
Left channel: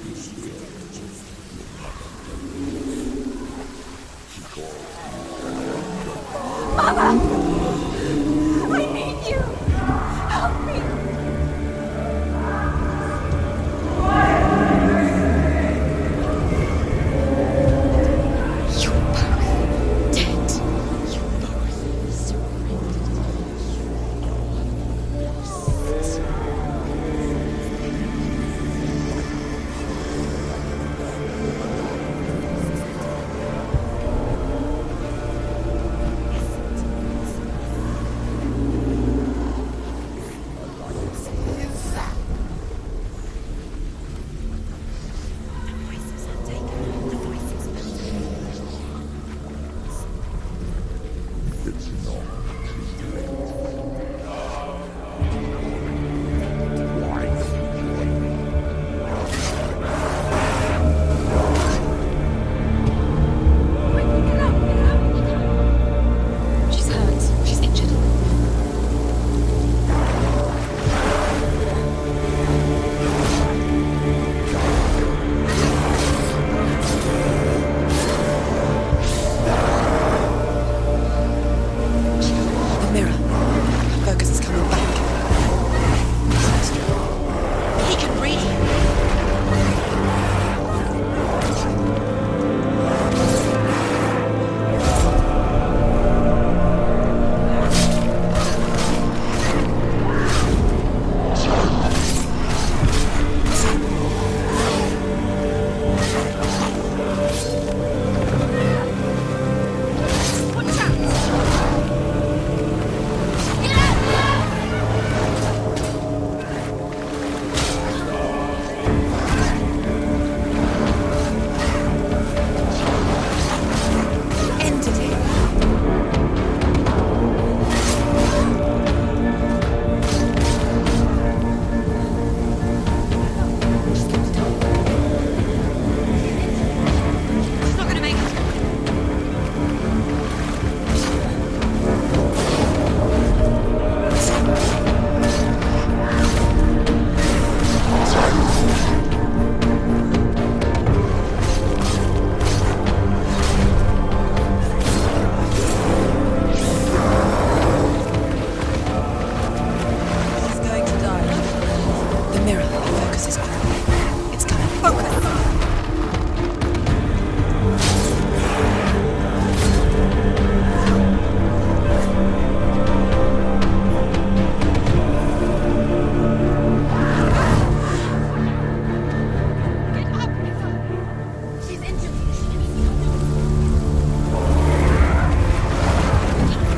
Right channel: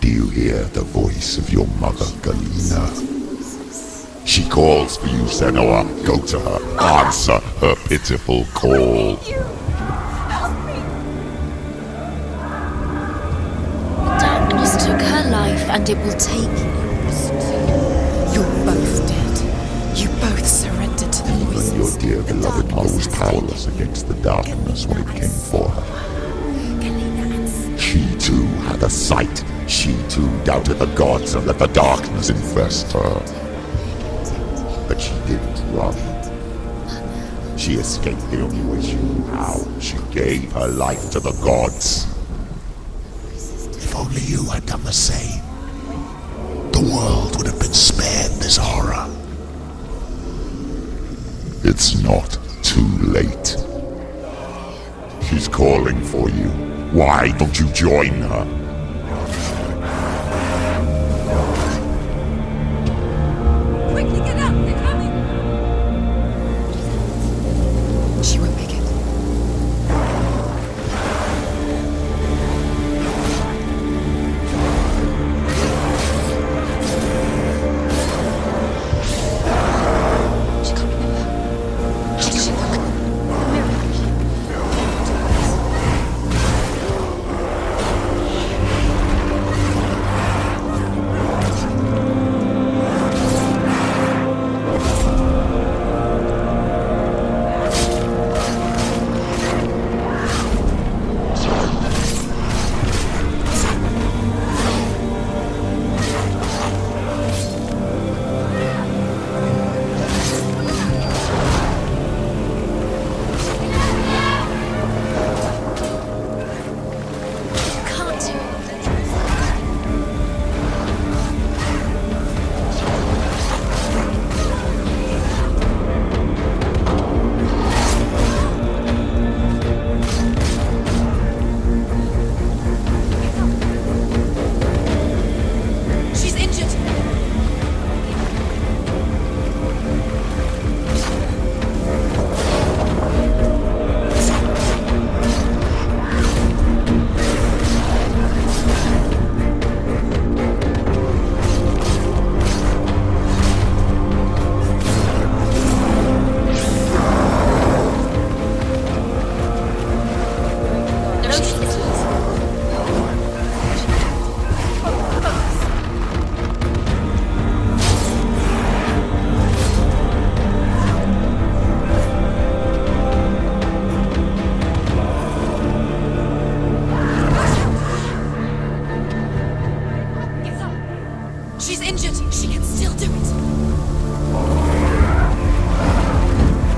Do you hear the voice of your mother, Galena? She calls for you, Senua. Go to her. Answer her pitiful call. I need you. Help me. Darkness took her life, and it will take yours. You're both dead. You both surrendered to the voices. Your dear beloved mother was powerless against the darkness when it came for her. She too had a sight. She too doubted the gods and let the darkness infest her. But she didn't run. She escaped the only way she knew how. She gave her life to the gods. If only you had done the same, the world would have been spared this horror. It's not too late. She's calling for you. Why don't you join her? Quickly get up. They're coming. She's hurt. She's injured. She won't make it. She can't remember. She's got a mirror. Focus is coming. He can breathe. She's injured. She can still do it.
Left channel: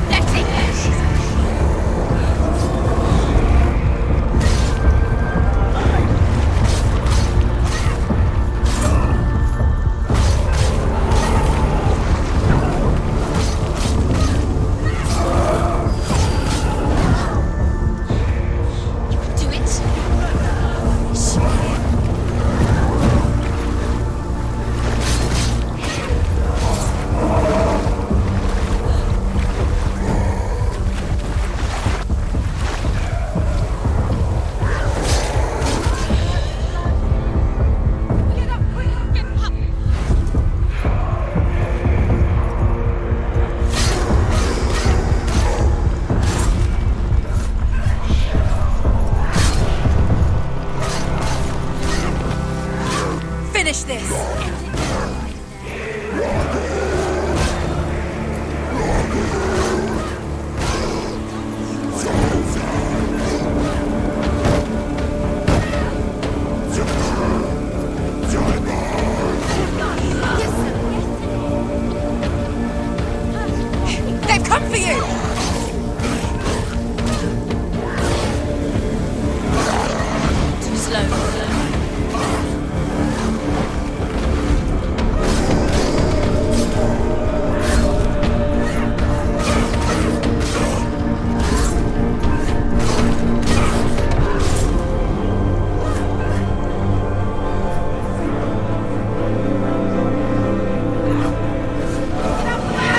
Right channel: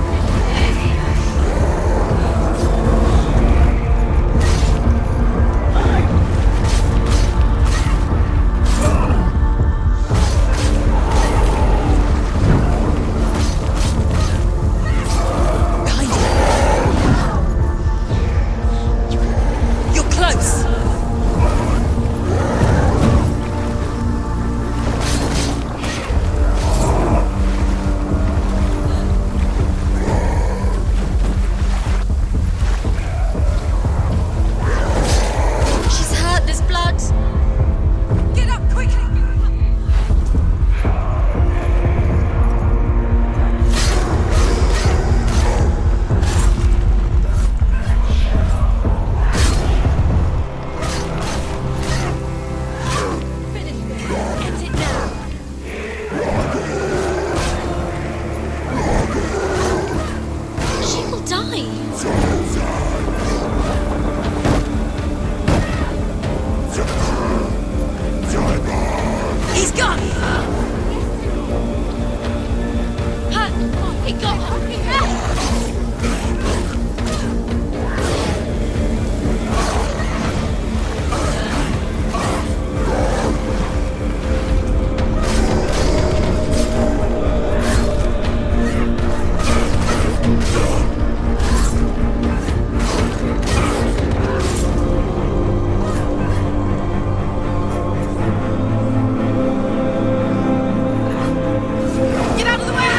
Letting You're close. She's hurt. There's blood. Get up quickly. Get up. Finish this. She will die. He's gone. Hun, They've come for you. Too slow. Get out of the way.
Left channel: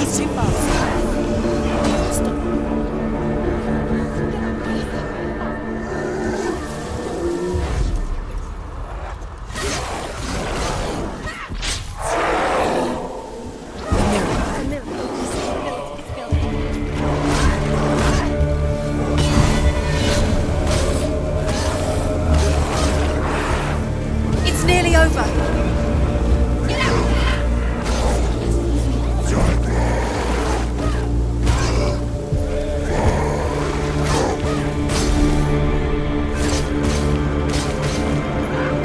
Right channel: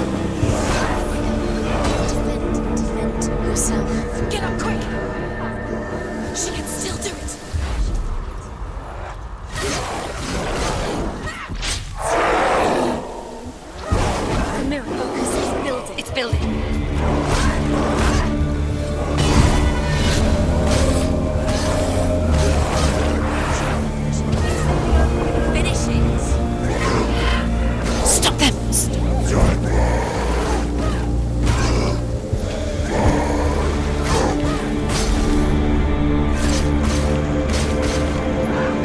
He's too fast. defend yourself. Get up quickly. She can still do it. The mirror. It's building. It's nearly over. Finish it. Stop them.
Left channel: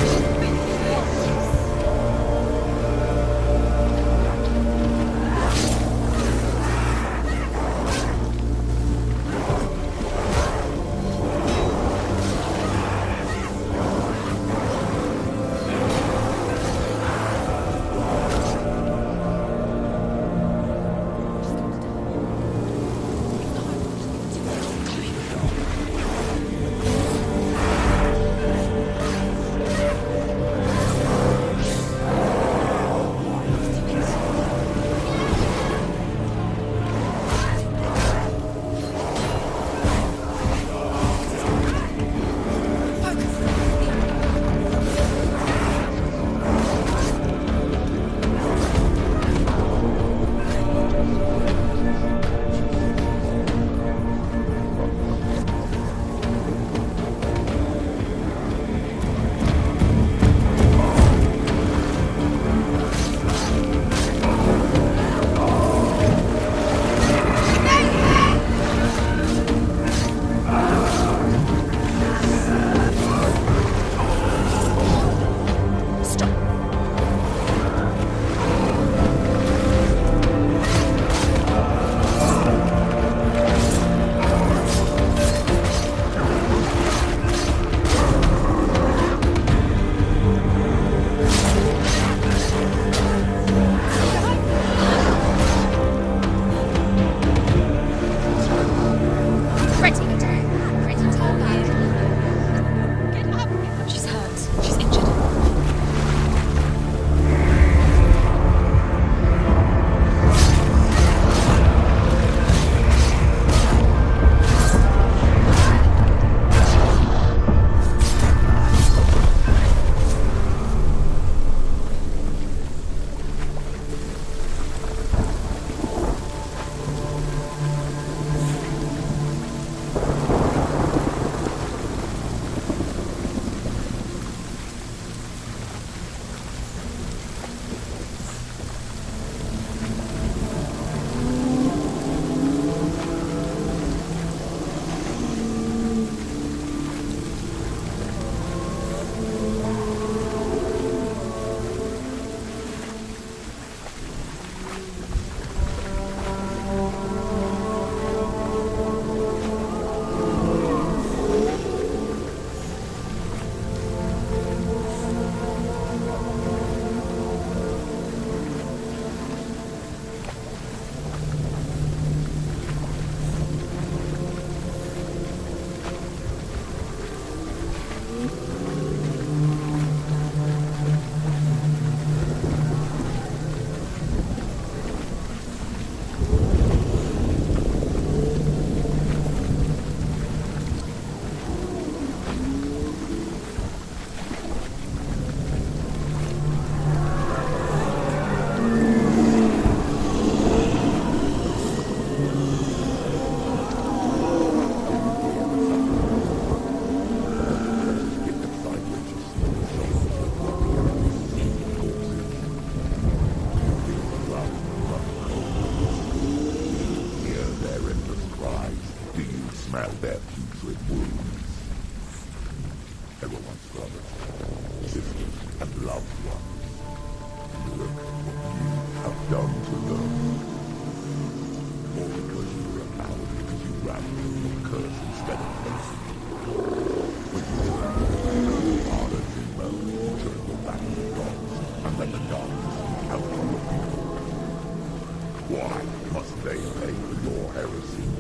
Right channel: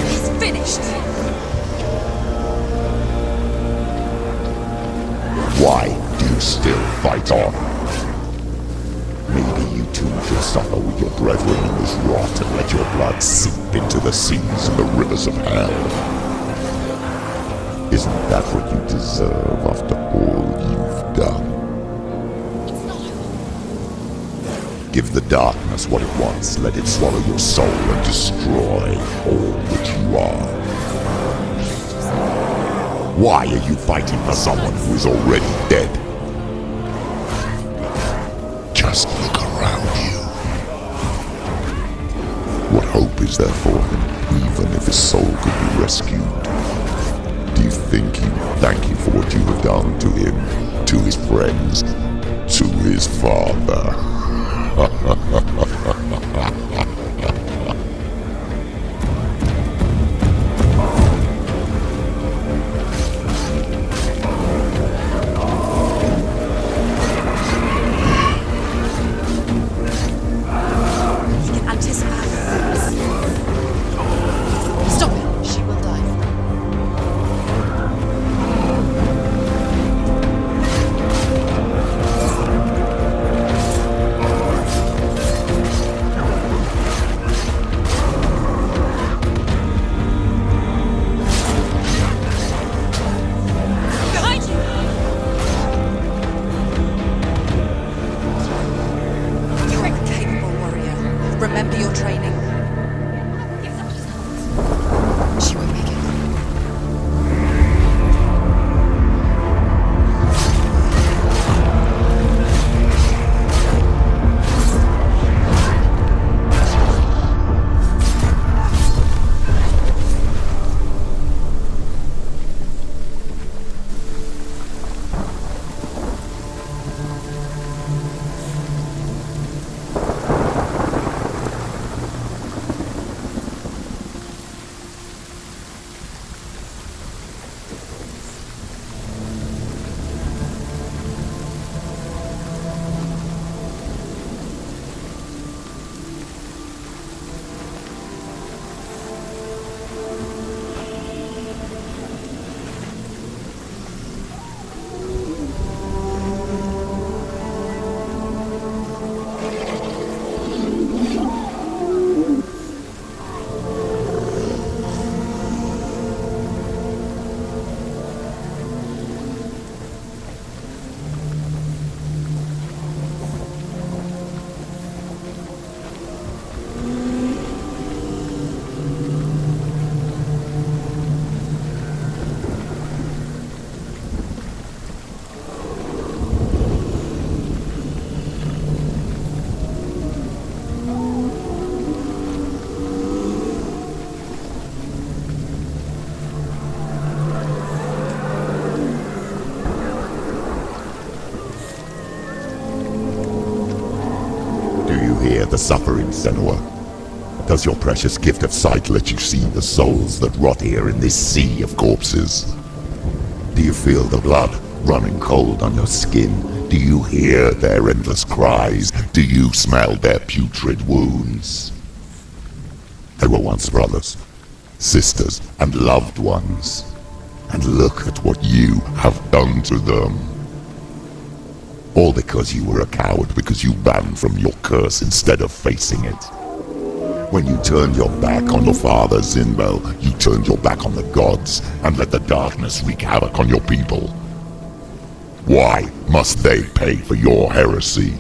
It's finished. Why do you still fight on? Maybe you too should follow your brethren in this rot and let your blood seep into the seas and the rivers of hell. Isn't that what you deserve after all you've done? Give the darkness what it wants, let it swallow your soul and destroy all that you are. Why are you fighting for someone who is already dead? Just look around you. What hope is there for him, even if his soul could be rescued? Do you think he will thank you for what you've done to him, to his friends, to his father? Stop. She will die. Stop. at the suffering, Senua? Does your precious gift of sight let you see the souls that rot here in this sea of corpses? Do you feel the blood running cold on your skin? Do you hear their endless cries? Do you smell their putrid wounds? They were once brothers, sisters, and loved ones. And look at what you have done to them. All because you were a coward, because you ran from your curse instead of facing it. When you turned your back on your father, Zinbel, you turned your back on the gods and let the darkness wreak havoc on your people. Why must they pay for your heresy?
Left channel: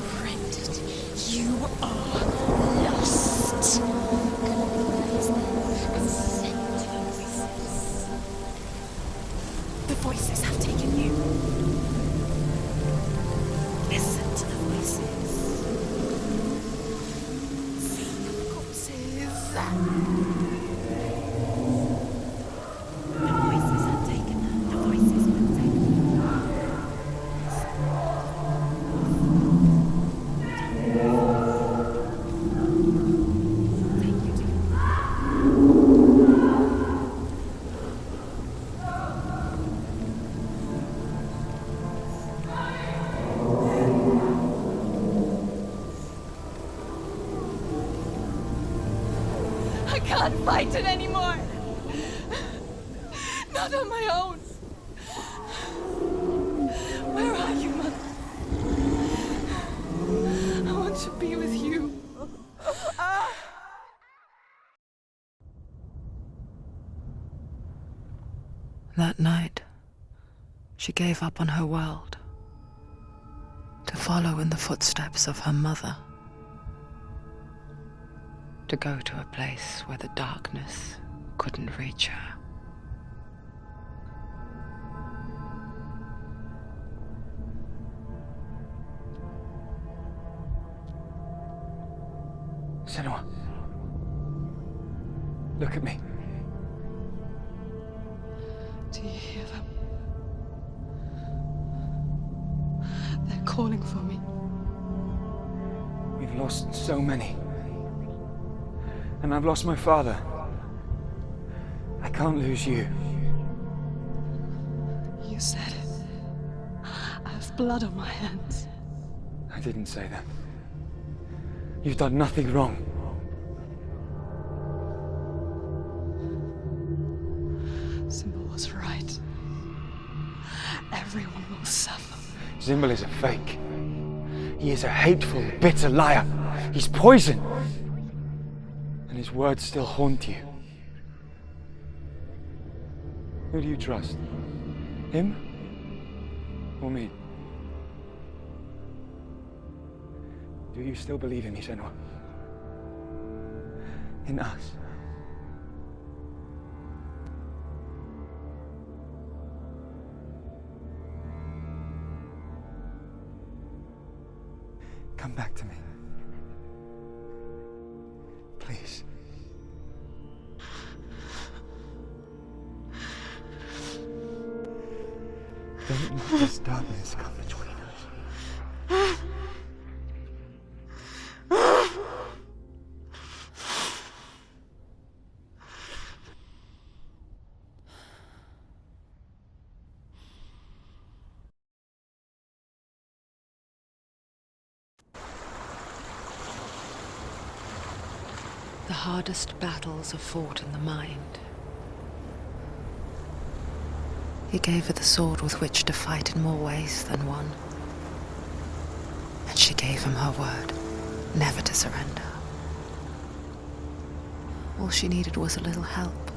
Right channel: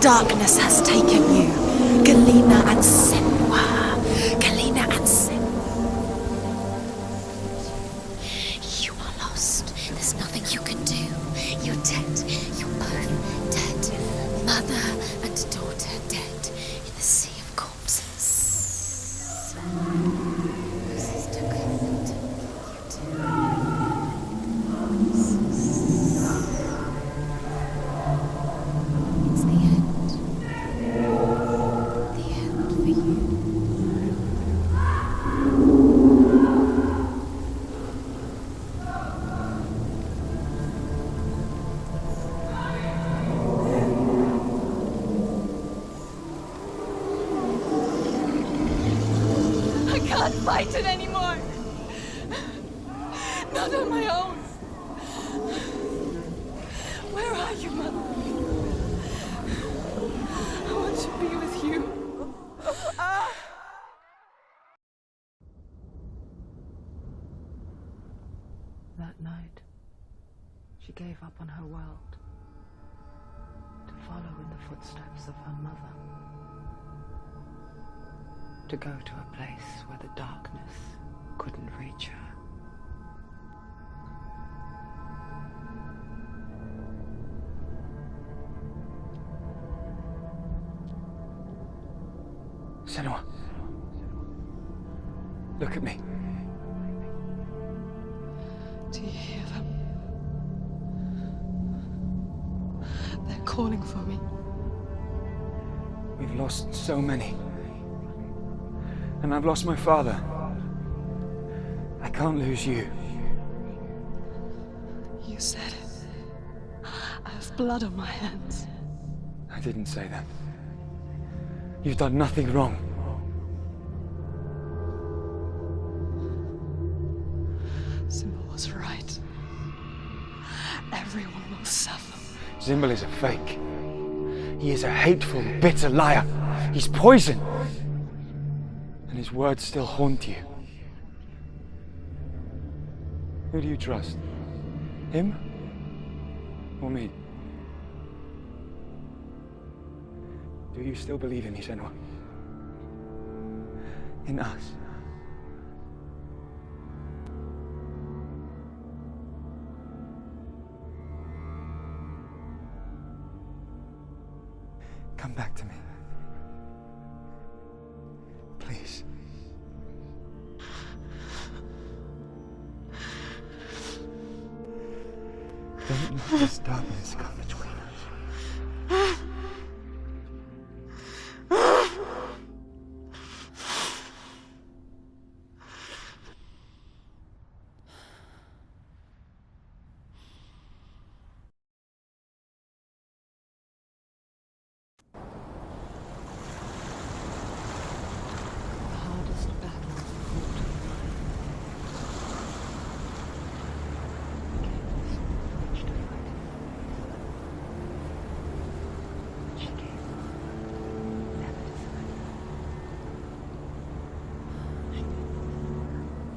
Darkness has taken you. Galena and Senua. Galena and Senua. You are lost. There's nothing you can do. You're dead. You're both dead. Mother and daughter dead in the sea of corpses. I can't fight it anymore. Not on my own. Where are you, Mother? I want to be with you. That night, she gave up on her world to follow in the footsteps of her mother, to go to a place where the darkness couldn't reach her. Senua, look at me. Do you hear them? They're calling for me. We've lost so many. And I've lost my father. I can't lose you. You said it. I have blood on my hands. I didn't say that. You've done nothing wrong. Simba was right. Everyone will suffer. Zimbel is a fake. He is a hateful, bitter liar. He's poison. And his words still haunt you. Who do you trust? Him? Or me? Do you still believe in me, Senua? In us? Come back to me. Please. Don't let this darkness come between us. The hardest battles are fought in the mind. He gave her the sword with which to fight in more ways than one. And she gave him her word, never to surrender. All she needed was a little help.